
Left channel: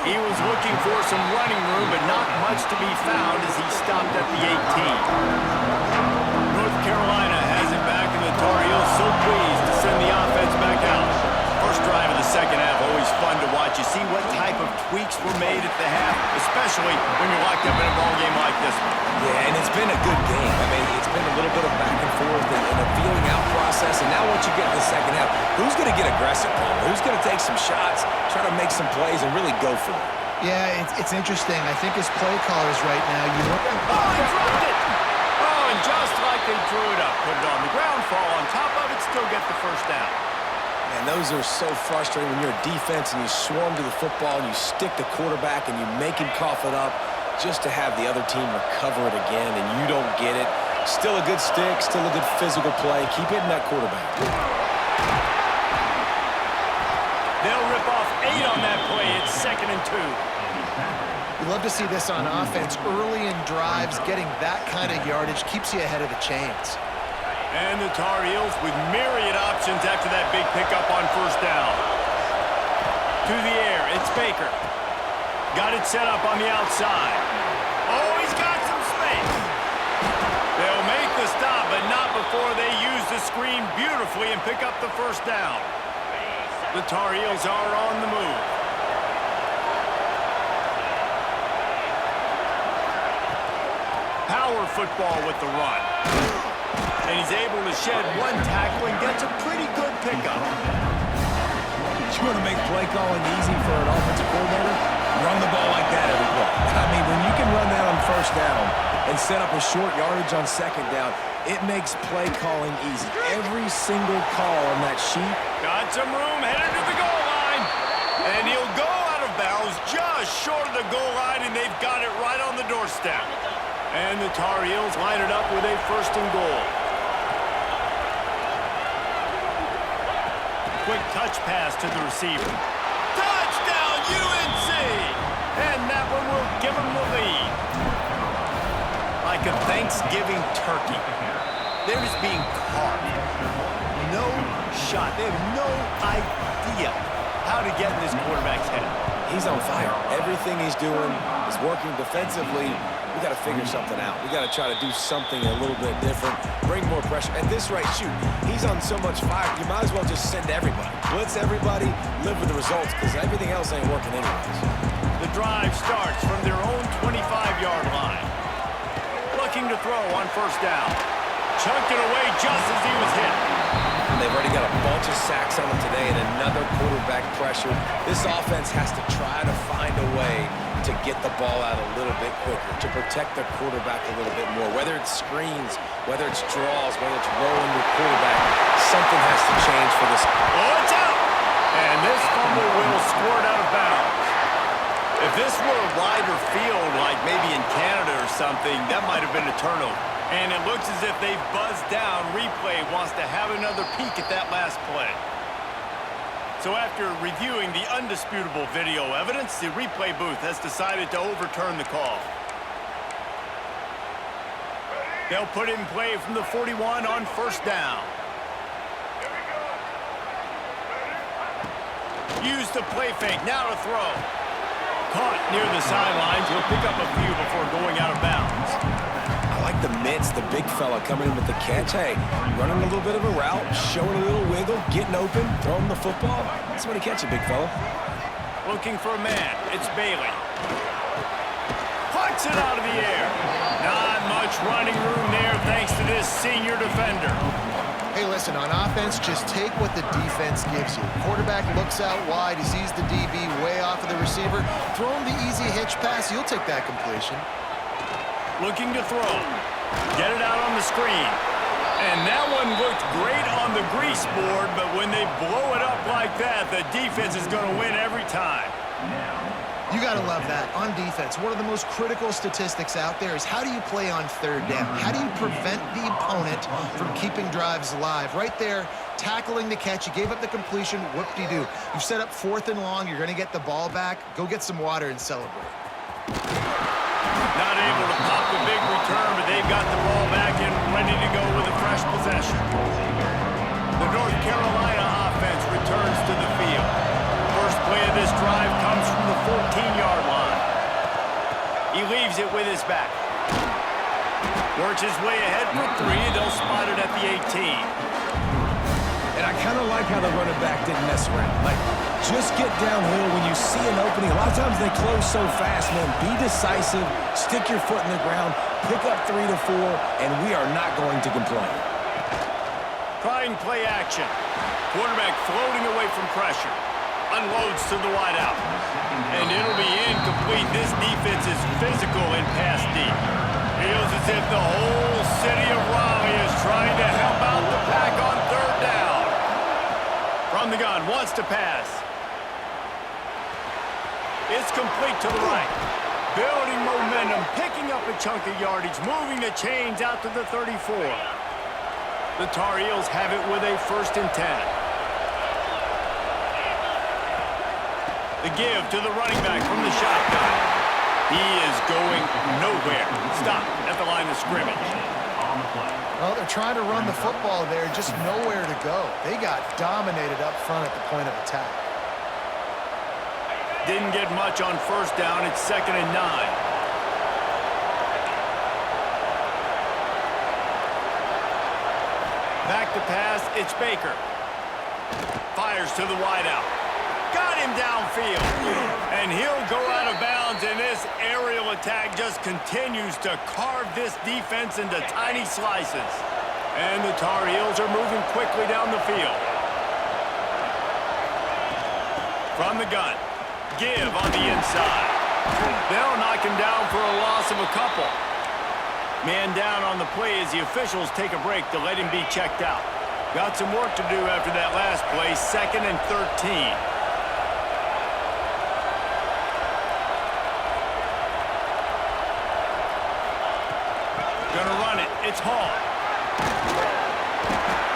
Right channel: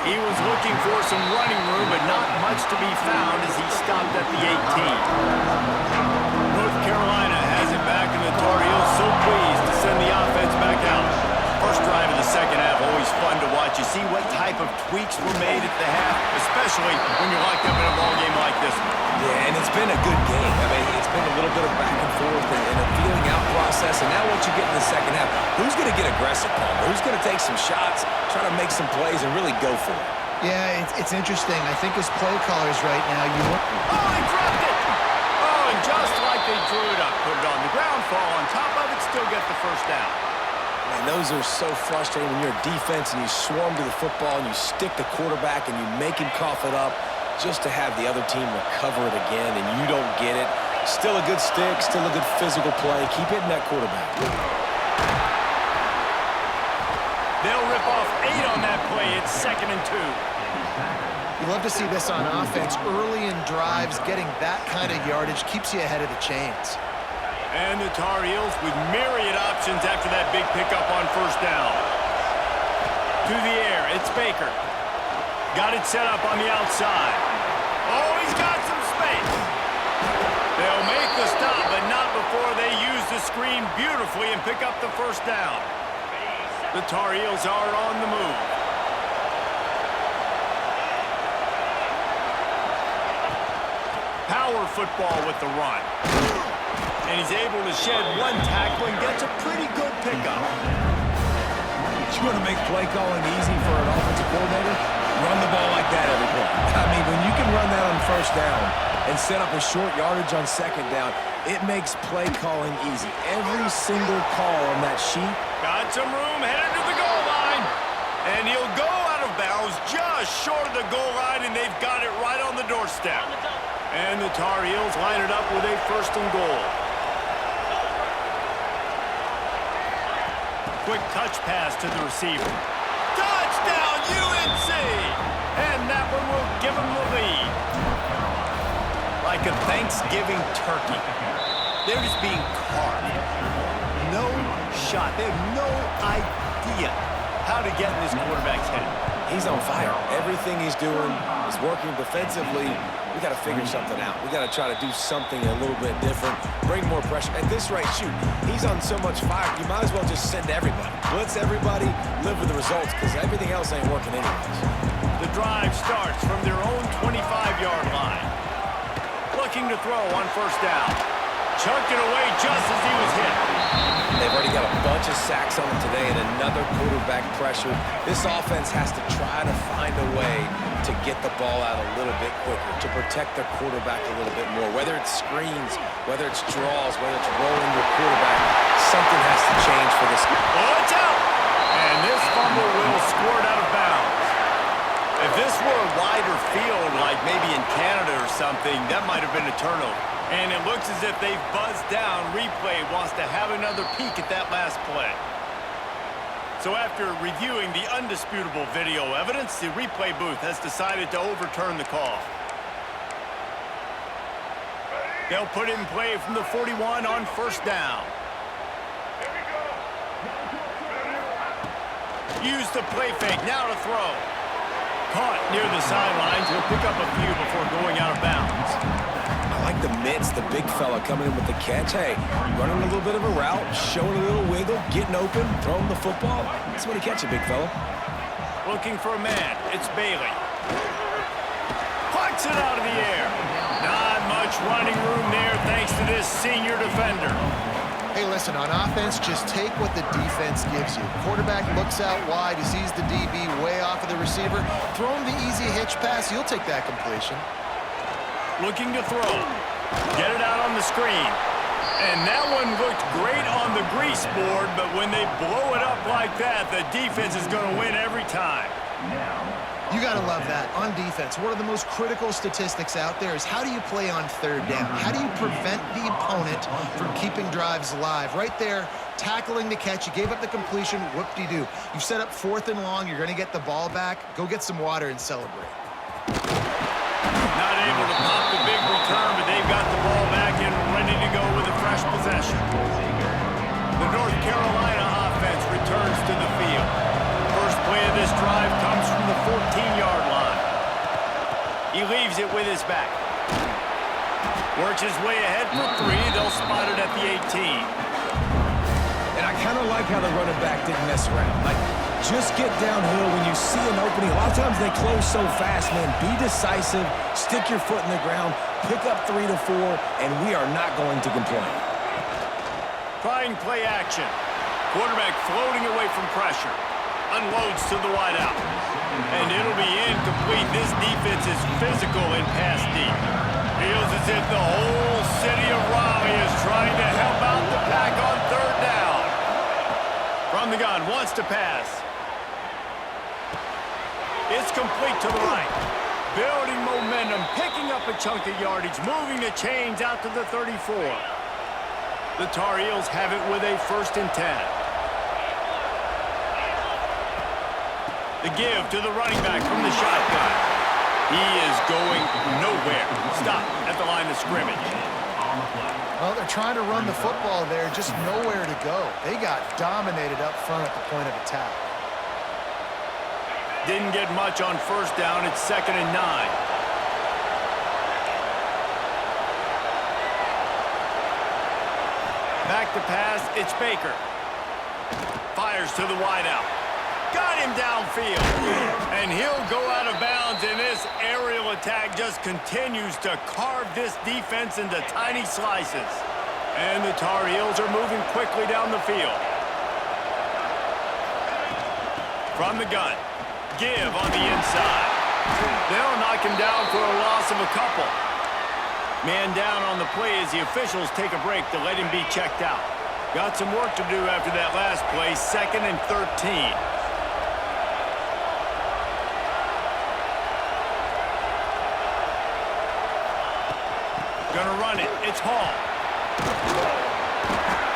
He was looking for some running room, but not much to be found as he stopped at the 18. North Carolina has it back, and the Tar Heels so pleased to send the offense back out. First drive of the second half, always fun fun to watch. You see what type of tweaks were made at the half, especially when you're locked up in a ball game like this one. Yeah, and it's been a good game. I mean, it's been a little bit of back and forth and a feeling out process. And now once you get in the second half, who's going to get aggressive, Palmer? Who's going to take some shots, try to make some plays, and really go for it? Yeah, it's interesting. I think as play callers right now, you look... Oh, he dropped it! Oh, and just like they drew it up, put it on the ground, fall on top of it, still get the first down. Man, those are so frustrating when you're a defense and you swarm to the football and you stick the quarterback and you make him cough it up just to have the other team recover it again and you don't get it. Still a good stick, still a good physical play. Keep hitting that quarterback. They'll rip off 8 on that play. It's 2nd and 2. You love to see this on offense. Early in drives, getting that kind of yardage keeps you ahead of the chains. And the Tar Heels with myriad options after that big pickup on first down. To the air, it's Baker. Got it set up on the outside. Oh, he's got some space. They'll make the stop, but not before they use the screen beautifully and pick up the first down. The Tar Heels are on the move. Power football with the run. And he's able to shed one tackle and gets a pretty good pickup. You want to make play calling easy for an offensive coordinator? Run the ball like that every play. I mean, when you can run that on first down and set up a short yardage on second down, it makes play calling easy. Every single call on that sheet. Got some room, headed to the goal line. And he'll go out of bounds just short of the goal line, and they've got it right on the doorstep. And the Tar Heels line it up with a 1st and goal. Quick touch pass to the receiver. Touchdown, UNC! And that one will give them the lead. Like a Thanksgiving turkey. They're just being carved. No shot. They have no idea how to get in this quarterback's head. He's on fire. Everything he's doing is working defensively. We got to figure something out. We got to try to do something a little bit different, bring more pressure. At this rate, shoot, he's on so much fire, you might as well just send everybody. Blitz everybody, live with the results, because everything else ain't working anyways. The drive starts from their own 25-yard line. Looking to throw on first down. Chunked it away just as he was hit. They've already got a bunch of sacks on them today and another quarterback pressure. This offense has to try to find a way to get the ball out a little bit quicker, to protect their quarterback a little bit more. Whether it's screens, whether it's draws, whether it's rolling your quarterback, something has to change for this. Oh, it's out! And this fumble will squirt out of bounds. If this were a wider field, like maybe in Canada or something, that might have been a turnover. And it looks as if they've buzzed down. Replay wants to have another peek at that last play. So after reviewing the undisputable video evidence, the replay booth has decided to overturn the call. They'll put in play from the 41 on first down. Use the play fake, now to throw. Caught near the sidelines, he'll pick up a few before going out of bounds. I like the mitts, the big fella coming in with the catch. Hey, running a little bit of a route, showing a little wiggle, getting open, throwing the football. That's what he catch it, big fella. Looking for a man, it's Bailey. Puts it out of the air. Not much running room there thanks to this senior defender. Hey, listen, on offense, just take what the defense gives you. Quarterback looks out wide, he sees the DB way off of the receiver. Throw him the easy hitch pass, you'll take that completion. Looking to throw. Get it out on the screen. And that one looked great on the grease board, but when they blow it up like that, the defense is going to win every time. You got to love that. On defense, one of the most critical statistics out there is how do you play on third down? How do you prevent the opponent from keeping drives alive? Right there, tackling the catch. You gave up the completion. Whoop-de-doo. You've set up 4th and long. You're going to get the ball back. Go get some water and celebrate. Not able to pop the big return, but they've got the ball back and ready to go with a fresh possession. The North Carolina offense returns to the field. First play of this drive comes from the 14-yard line. He leaves it with his back. Works his way ahead for 3. They'll spot it at the 18. And I kind of like how the running back didn't mess around. Like, Just get downhill when you see an opening. A lot of times they close so fast, man. Be decisive, stick your foot in the ground, pick up 3 to 4, and we are not going to complain. Trying play action. Quarterback floating away from pressure. Unloads to the wideout. And it'll be incomplete. This defense is physical and pass deep. Feels as if the whole city of Raleigh is trying to help out the pack on third down. From the gun, wants to pass. It's complete to the right. Building momentum, picking up a chunk of yardage, moving the chains out to the 34. The Tar Heels have it with a 1st and 10. The give to the running back from the shotgun. He is going nowhere. Stop at the line of scrimmage. Well, they're trying to run the football there, just nowhere to go. They got dominated up front at the point of attack. Didn't get much on 1st down. It's 2nd and 9. Back to pass. It's Baker. Fires to the wideout. Got him downfield. And he'll go out of bounds, and this aerial attack just continues to carve this defense into tiny slices. And the Tar Heels are moving quickly down the field. From the gun. Give on the inside. They'll knock him down for a loss of a couple. Man down on the play as the officials take a break to let him be checked out. Got some work to do after that last play. 2nd and 13. Gonna run it. It's Hall.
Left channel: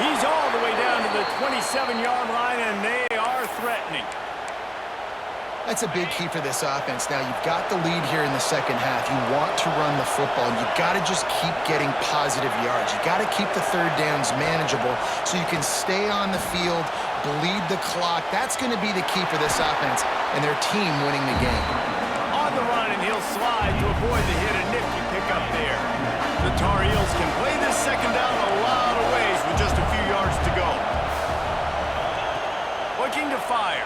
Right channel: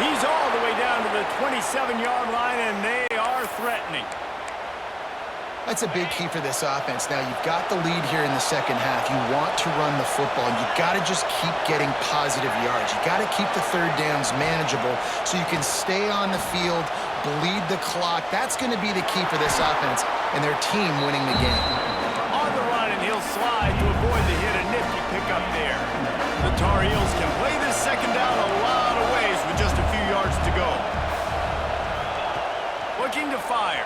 He's all the way down to the 27-yard line, and they are threatening. That's a big key for this offense. Now, you've got the lead here in the second half. You want to run the football, and you've got to just keep getting positive yards. You've got to keep the third downs manageable so you can stay on the field, bleed the clock. That's going to be the key for this offense and their team winning the game. On the run, and he'll slide to avoid the hit. A nifty pickup there. The Tar Heels can play this second down a lot of ways with just a few yards to go. Looking to fire.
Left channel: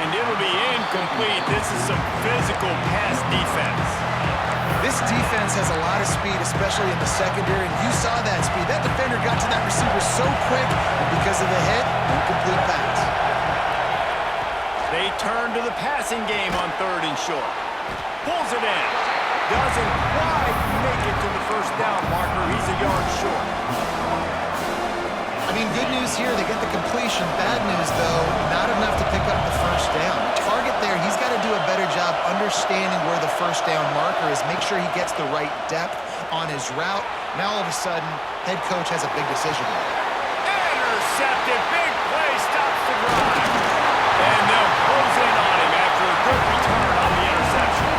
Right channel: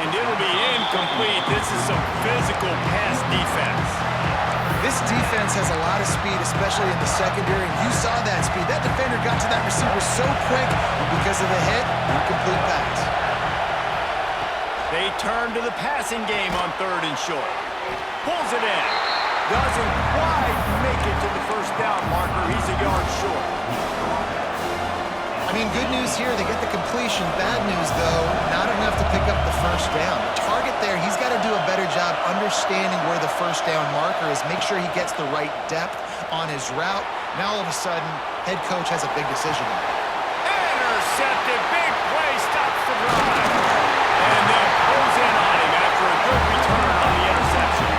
And it'll be incomplete. This is some physical pass defense. This defense has a lot of speed, especially in the secondary, and you saw that speed. That defender got to that receiver so quick, and because of the hit, incomplete pass. They turn to the passing game on 3rd and short. Pulls it in. Doesn't quite make it to the 1st down marker. He's a yard short. I mean, good news here, they get the completion. Bad news, though, not enough to pick up the 1st down. The target there, he's got to do a better job understanding where the 1st down marker is, make sure he gets the right depth on his route. Now, all of a sudden, head coach has a big decision to make. Intercepted. Big play. Stops the drive. And they'll close in on him after a good return on the interception.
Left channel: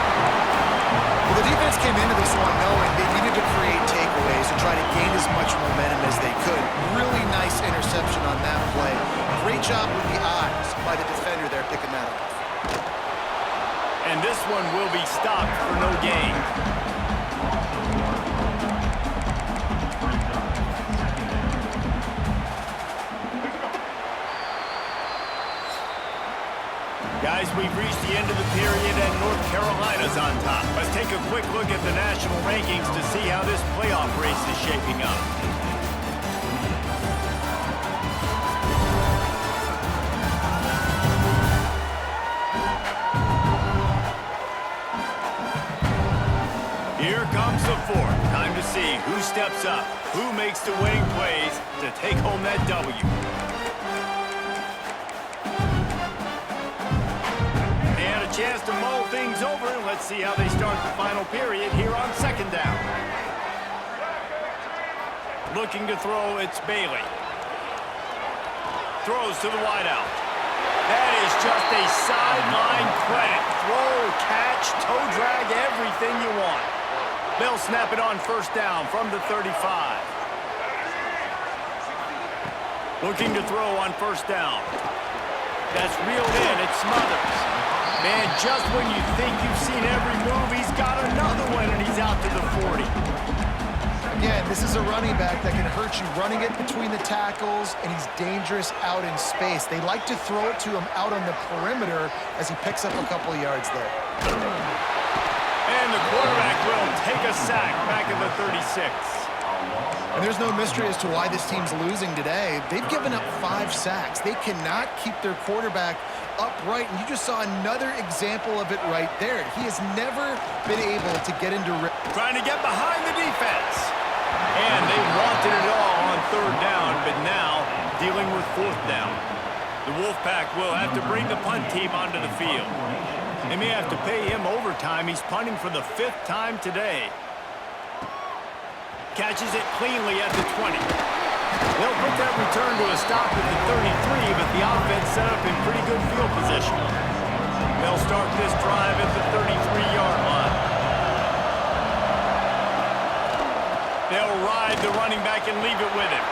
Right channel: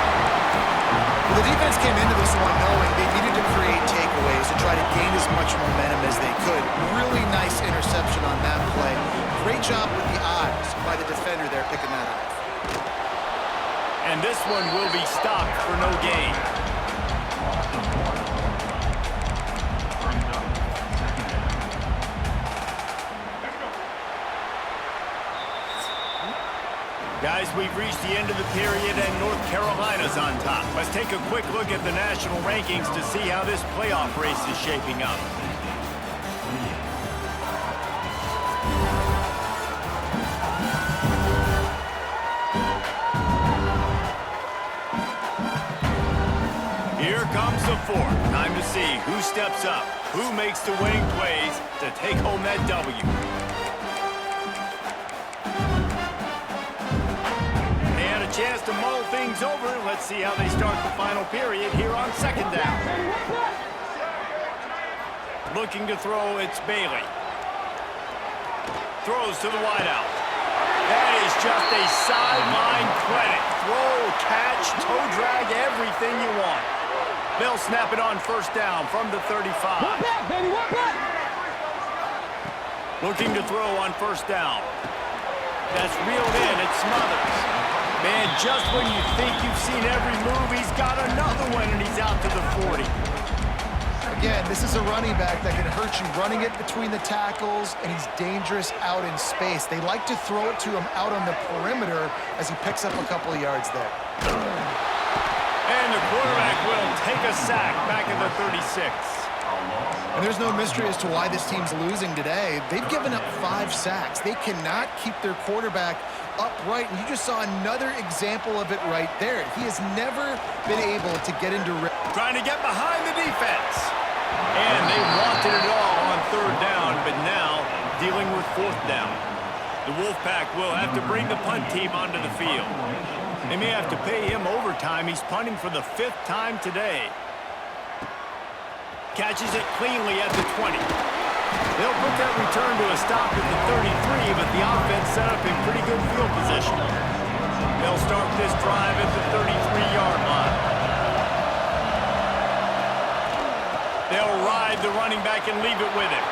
Well, the defense came into this one knowing they needed to create takeaways to try to gain as much momentum as they could. Really nice interception on that play. Great job with the eyes by the defender there picking that up. And this one will be stopped for no gain. Guys, we've reached the end of the period, and North Carolina's on top. Let's take a quick look at the national rankings to see how this playoff race is shaping up. Here comes the 4th. Time to see who steps up, who makes the winning plays to take home that W. Chance to mull things over. Let's see how they start the final period here on 2nd down. Looking to throw, it's Bailey. Throws to the wideout. That is just a sideline credit. Throw, catch, toe drag, everything you want. They'll snap it on 1st down from the 35. Looking to throw on 1st down. That's reeled in. It's Smothers. Man, just when you think you've seen every move, he's got another one, and he's out to the 40. Again, this is a running back that can hurt you running it between the tackles, and he's dangerous out in space. They like to throw it to him out on the perimeter as he picks up a couple of yards there. And the quarterback will take a sack back at the 36. And there's no mystery as to why this team's losing today. They've given up 5 sacks. They cannot keep their quarterback upright, and you just saw another example of it right there. He has never been able to get into rhythm. Trying to get behind the defense. And they wanted it all on 3rd down, but now dealing with 4th down. The Wolfpack will have to bring the punt team onto the field. They may have to pay him overtime. He's punting for the 5th time today. Catches it cleanly at the 20. They'll put that return to a stop at the 33, but the offense set up in pretty good field position. They'll start this drive at the 33-yard line. They'll ride the running back and leave it with him.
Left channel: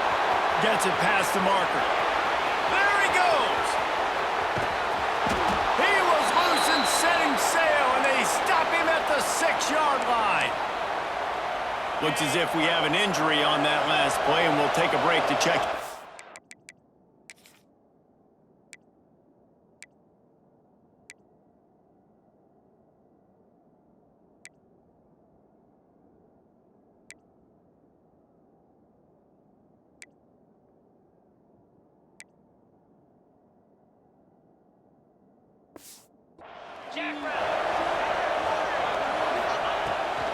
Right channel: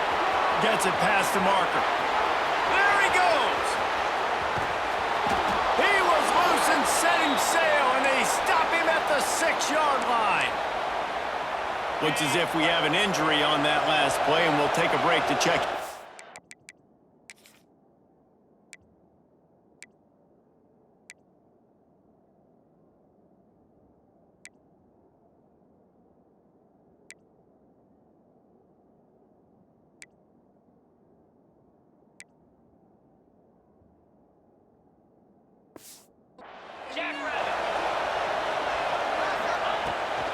Gets it past the marker. There he goes! He was loose and setting sail, and they stop him at the 6-yard line. Looks as if we have an injury on that last play, and we'll take a break to check.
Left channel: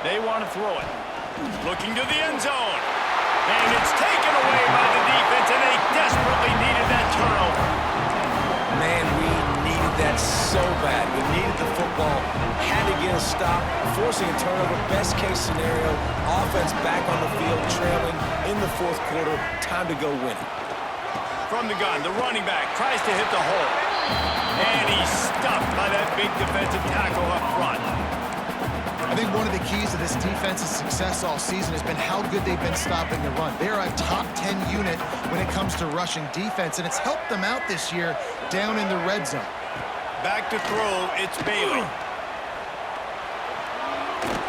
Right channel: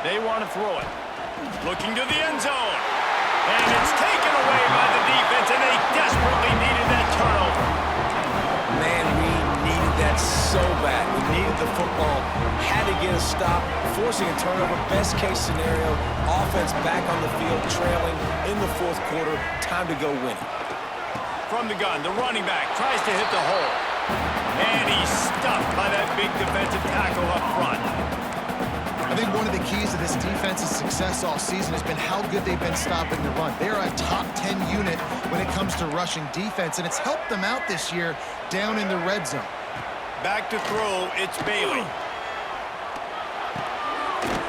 They want to throw it. Looking to the end zone. And it's taken away by the defense, and they desperately needed that turnover. Man, we needed that so bad. We needed the football, had to get a stop, forcing a turnover. Best case scenario, offense back on the field, trailing in the 4th quarter. Time to go win it. From the gun, the running back tries to hit the hole. And he's stuffed by that big defensive tackle up front. I think one of the keys to this defense's success all season has been how good they've been stopping the run. They're a top 10 unit when it comes to rushing defense, and it's helped them out this year down in the red zone. Back to throw, it's Bailey.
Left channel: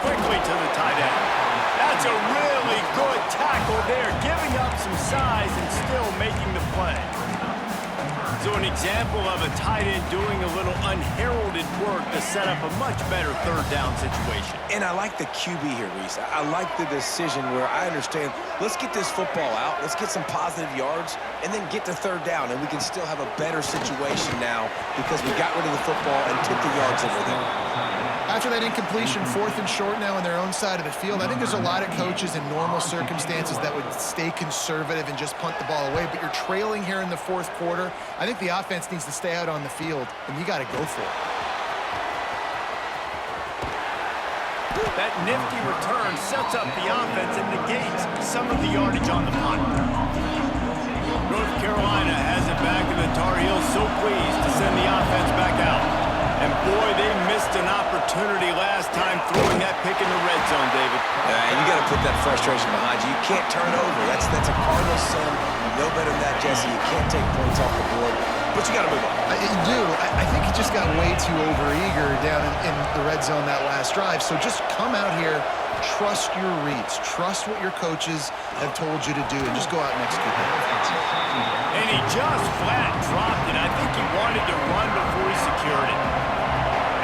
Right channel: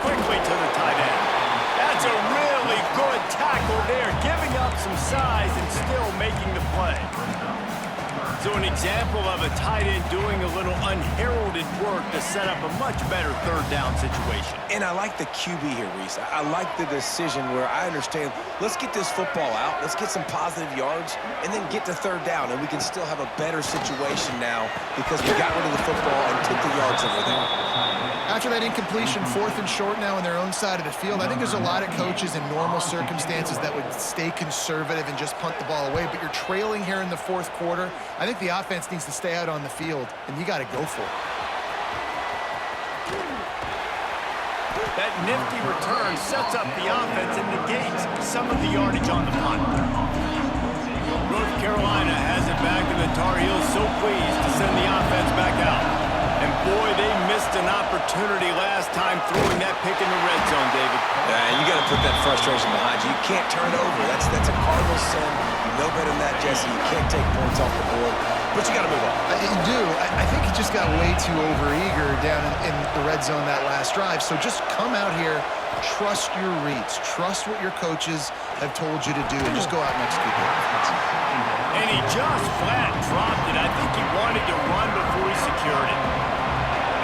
Quickly to the tight end. That's a really good tackle there, giving up some size and still making the play. So an example of a tight end doing a little unheralded work to set up a much better 3rd down situation. And I like the QB here, Reese. I like the decision where I understand, let's get this football out, let's get some positive yards, and then get to 3rd down, and we can still have a better situation now because we got rid of the football and took the yards over there. After that incompletion, 4th and short now on their own side of the field, I think there's a lot of coaches in normal circumstances that would stay conservative and just punt the ball away, but you're trailing here in the 4th quarter. I think the offense needs to stay out on the field, and you got to go for it. That nifty return sets up the offense and negates some of the yardage on the punt. North Carolina has it back, and the Tar Heels so pleased to send the offense back out. And boy, they missed an opportunity last time throwing that pick in the red zone, David. You got to put that frustration behind you. You can't turn it over. That's a cardinal sin. You know better than that, Jesse. You can't take points off the board, but you got to move on. You do. I think he just got way too overeager down in the red zone that last drive. So just come out here, trust your reads, trust what your coaches have told you to do, and just go out and execute that. And he just flat dropped it. I think he wanted to run before he secured it.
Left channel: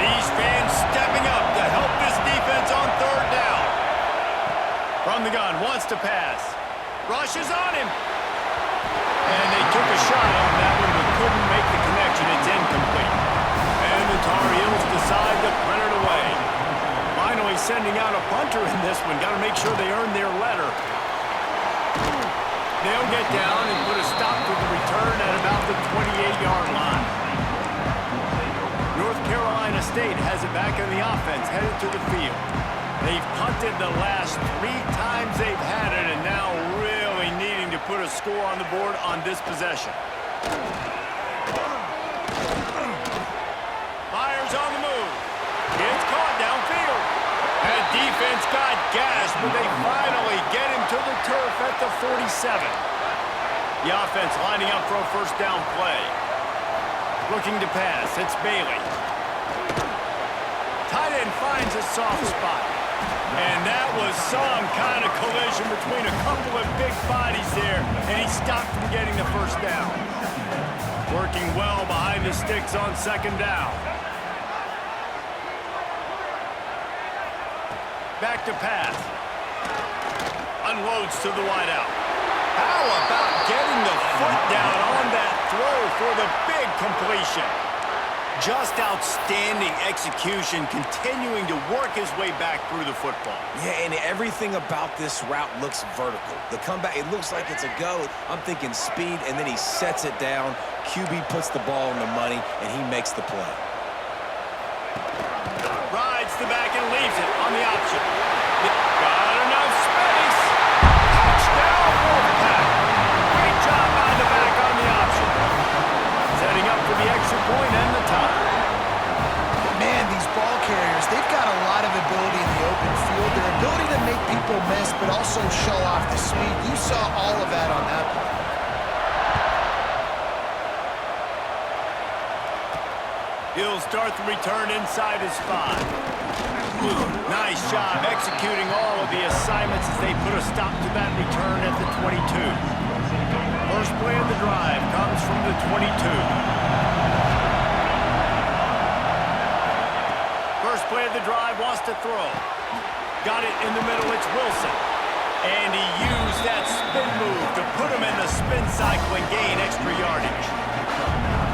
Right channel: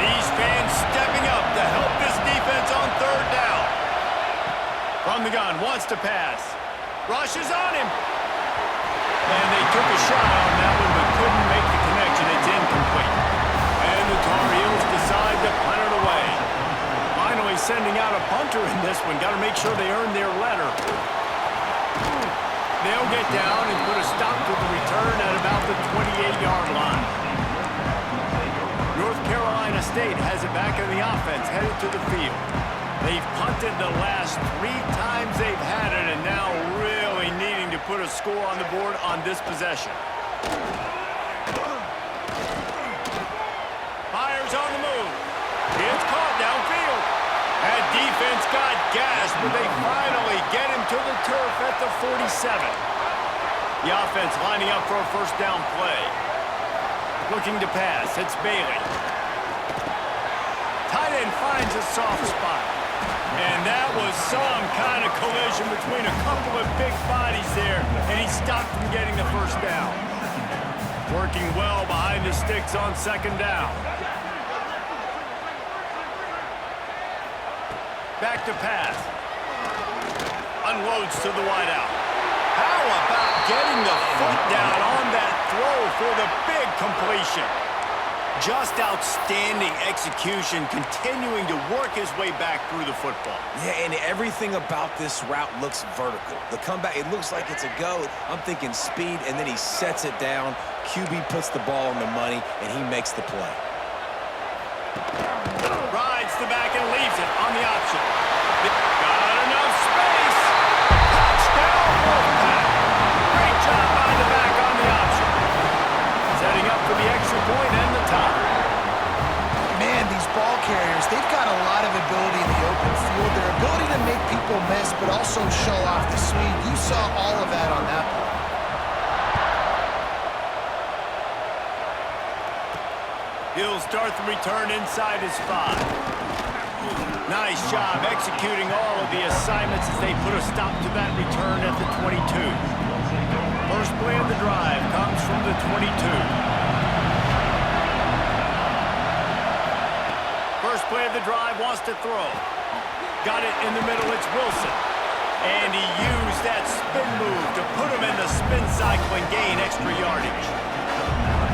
These fans stepping up to help this defense on 3rd down. From the gun, wants to pass. Rushes on him. And they took a shot on that one, but couldn't make the connection. It's incomplete. And the Tar Heels decide to punt it away. Finally sending out a punter in this one. Got to make sure they earn their letter. They'll get down and put a stop to the return at about the 28-yard line. North Carolina State has it back in the offense, headed to the field. They've punted the last 3 times they've had it, and now really needing to put a score on the board on this possession. Fires on the move. It's caught downfield. That defense got gashed, but they finally get him to the turf at the 47. The offense lining up for a 1st down play. Looking to pass, it's Bailey. Tight end finds a soft spot. And that was some kind of collision between a couple of big bodies there, and he stopped from getting the first down. Working well behind the sticks on second down. Back to pass. Unloads to the wideout. How about getting the foot down on that throw for the big completion? Just outstanding execution, continuing to work his way back through the football. Yeah, and everything about this route looks vertical. The comeback, it looks like it's a go. I'm thinking speed, and then he sets it down. QB puts the ball on the money, and he makes the play. Rides the back and leaves it on the option. Got enough space. Touchdown, Wolfpack. Great job by the back on the option. Setting up for the extra point and the tie. Man, these ball carriers, they've got a lot of ability in the open field. Their ability to make people miss, but also show off the speed. You saw all of that on that play. He'll start the return inside his 5. Nice job executing all of the assignments as they put a stop to that return at the 22. First play of the drive comes from the 22. First play of the drive wants to throw. Got it in the middle, it's Wilson. And he used that spin move to put him in the spin cycle and gain extra yardage.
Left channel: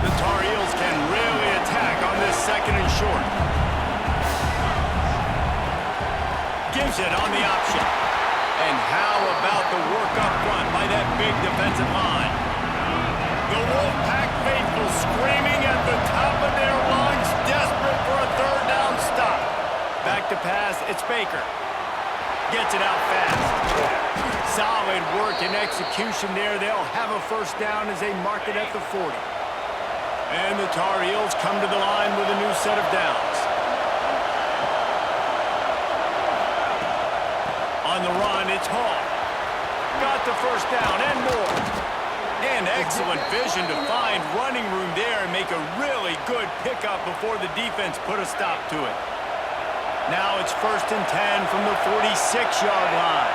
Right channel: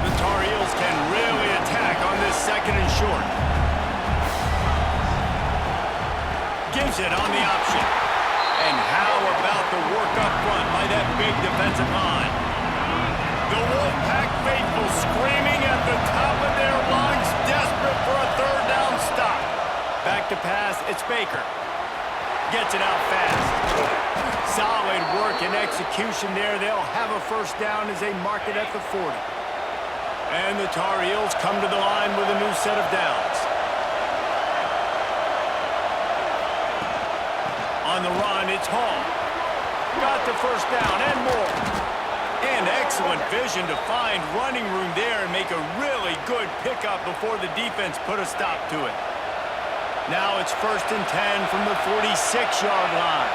The Tar Heels can really attack on this second and short. Gives it on the option. And how about the work up front by that big defensive line? The Wolfpack faithful screaming at the top of their lungs, desperate for a third down stop. Back to pass, it's Baker. Gets it out fast. Solid work and execution there. They'll have a first down as they mark it at the 40. And the Tar Heels come to the line with a new set of downs. On the run, it's Hall. Got the first down and more. And excellent vision to find running room there and make a really good pickup before the defense put a stop to it. Now it's 1st and 10 from the 46-yard line.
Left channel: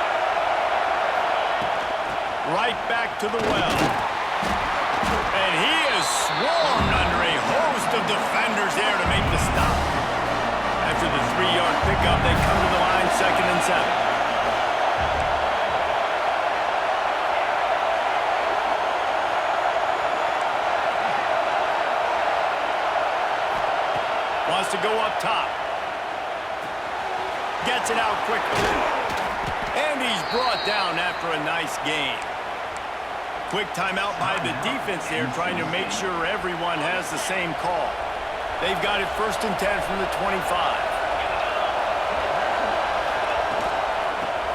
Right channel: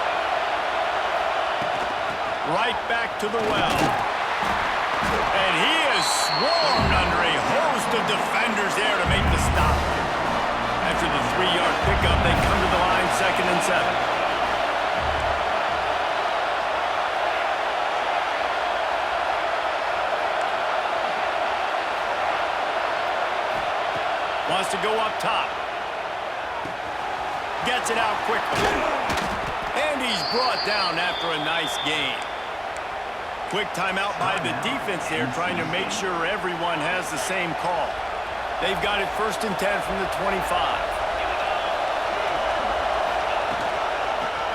Right back to the well. And he is swarmed under a host of defenders there to make the stop. After the 3-yard pickup, they come to the line 2nd and 7. Wants to go up top. Gets it out quickly. And he's brought down after a nice gain. Quick timeout by the defense there, trying to make sure everyone has the same call. They've got it 1st and 10 from the 25.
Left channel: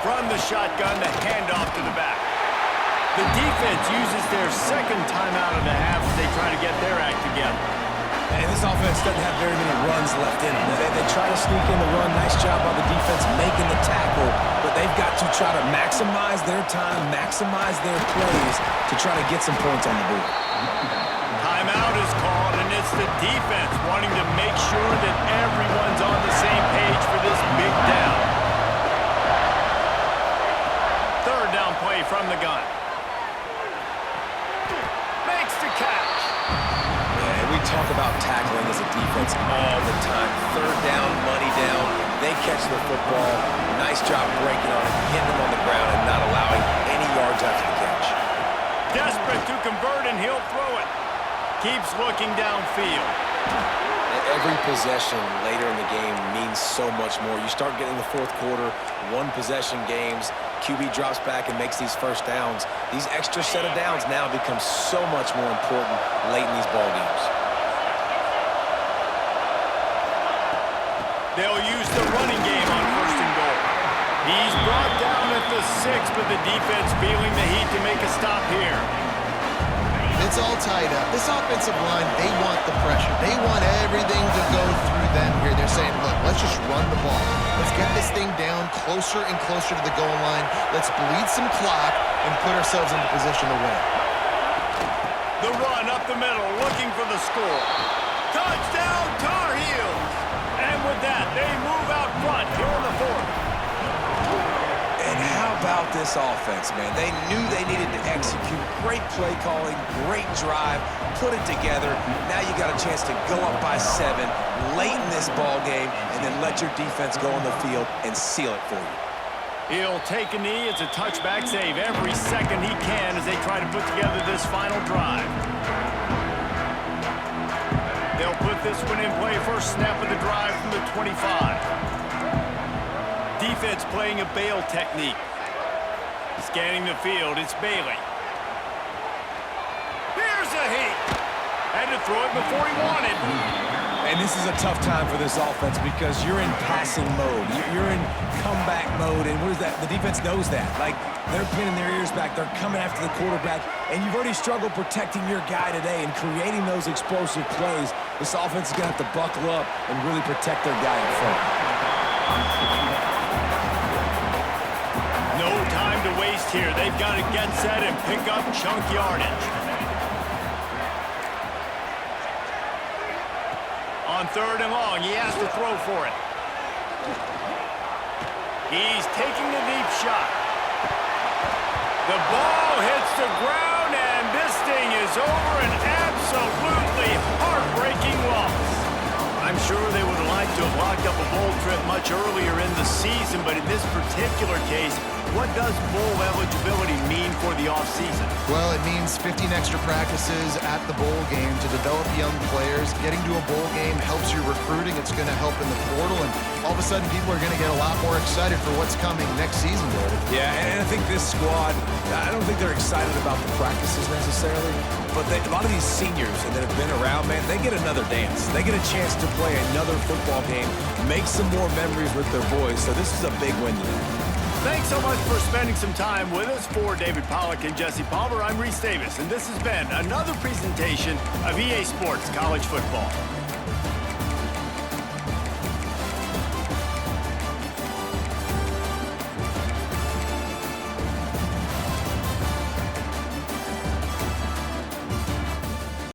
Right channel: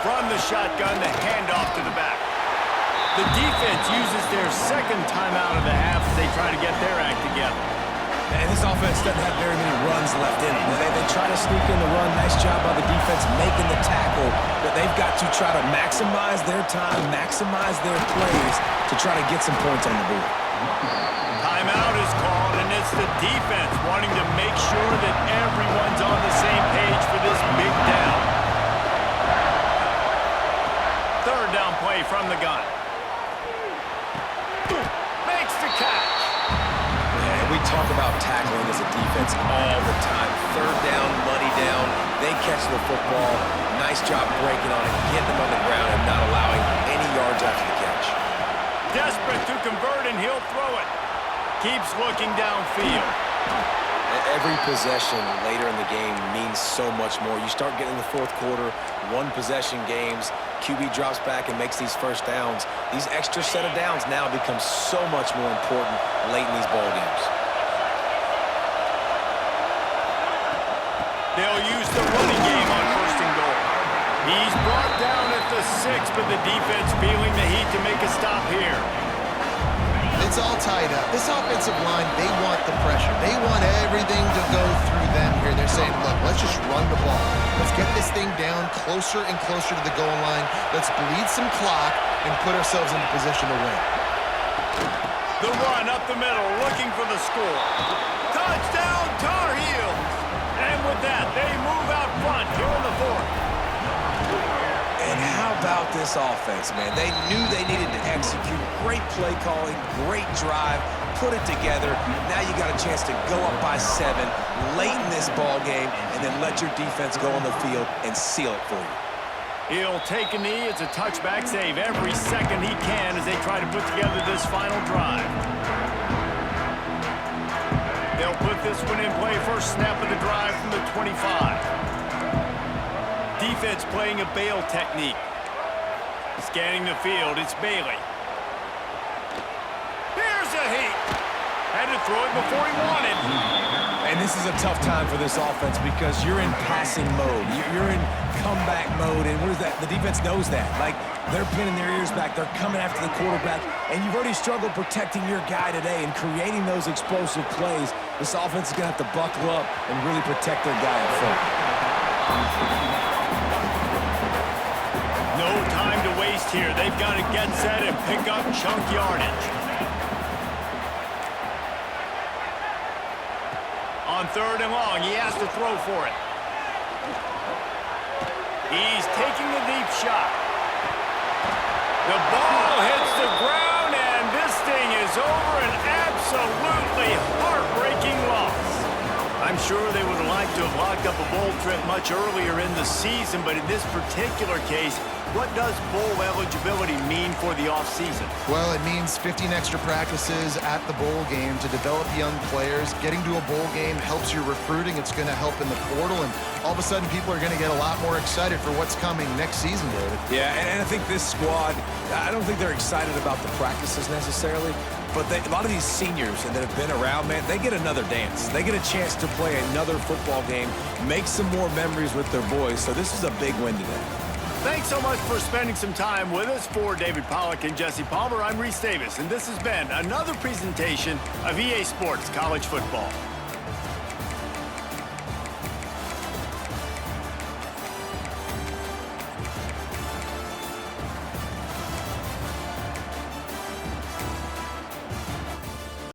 From the shotgun, the handoff to the back. The defense uses their second timeout of the half as they try to get their act together. And this offense doesn't have very many runs left in them. They try to sneak in the run. Nice job by the defense making the tackle. But they've got to try to maximize their time, maximize their plays to try to get some points on the board. Timeout is called, and it's the defense wanting to make sure that everyone's on the same page for this big down. 3rd down play from the gun. Makes the catch. We talk about tackling as a defense all the time. 3rd down, money down. They catch the football. Nice job breaking on it, getting them on the ground, and not allowing any yards after the catch. Desperate to convert, and he'll throw it. Keeps looking downfield. Every possession later in the game means so much more. You start getting in the 4th quarter, 1-possession games. QB drops back and makes these first downs. These extra set of downs now become so much more important late in these ball games. They'll use the running game on 1st and goal. He's brought down at the 6, but the defense feeling the heat to make a stop here. It's all tied up. This offensive line, they want the pressure. They want everything to go through them here. They're saying, look, let's just run the ball. Let's get this thing down closer and closer to the goal line. Let's bleed some clock and put ourselves into position to win. The run up the middle, looking for the score. Touchdown, Tar Heels! And with that, they move out front here in the 4th. about this offense, man. They knew they needed to execute. Great play calling, great drive, put it together. Now you got a chance to go up by 7 late in this ball game and then let your defense go on the field and seal it for you. He'll take a knee. It's a touchback save every second he can as they try to put together this final drive. They'll put this one in play first snap of the drive from the 25. Defense playing a bail technique. Scanning the field, it's Bailey. Here's a heat. Had to throw it before he wanted. And this is a tough time for this offense because you're in passing mode. You're in comeback mode, and what is that? The defense knows that. Like, they're pinning their ears back. They're coming after the quarterback, and you've already struggled protecting your guy today and creating those explosive plays. This offense is going to have to buckle up and really protect their guy up front. No time to waste here. They've got to get set and pick up chunk yardage. On 3rd and long, he has to throw for it. He's taking a deep shot. The ball hits the ground, and this thing is over. An absolutely heartbreaking loss. I'm sure they would have liked to have locked up a bowl trip much earlier in the season, but in this particular case, what does bowl eligibility mean for the offseason? Well, it means 15 extra practices at the bowl game to develop young players. Getting to a bowl game helps your recruiting. It's going to help in the portal, and all of a sudden people are going to get a lot more excited for what's coming next season, David. Yeah, and I think this squad, I don't think they're excited about the practices necessarily, but a lot of these seniors that have been around, man, they get another dance. They get a chance to play another football game, make some more memories with their boys, so this is a big win today. Thanks so much for spending some time with us. For David Pollack and Jesse Palmer, I'm Reese Davis, and this has been another presentation of EA Sports College Football.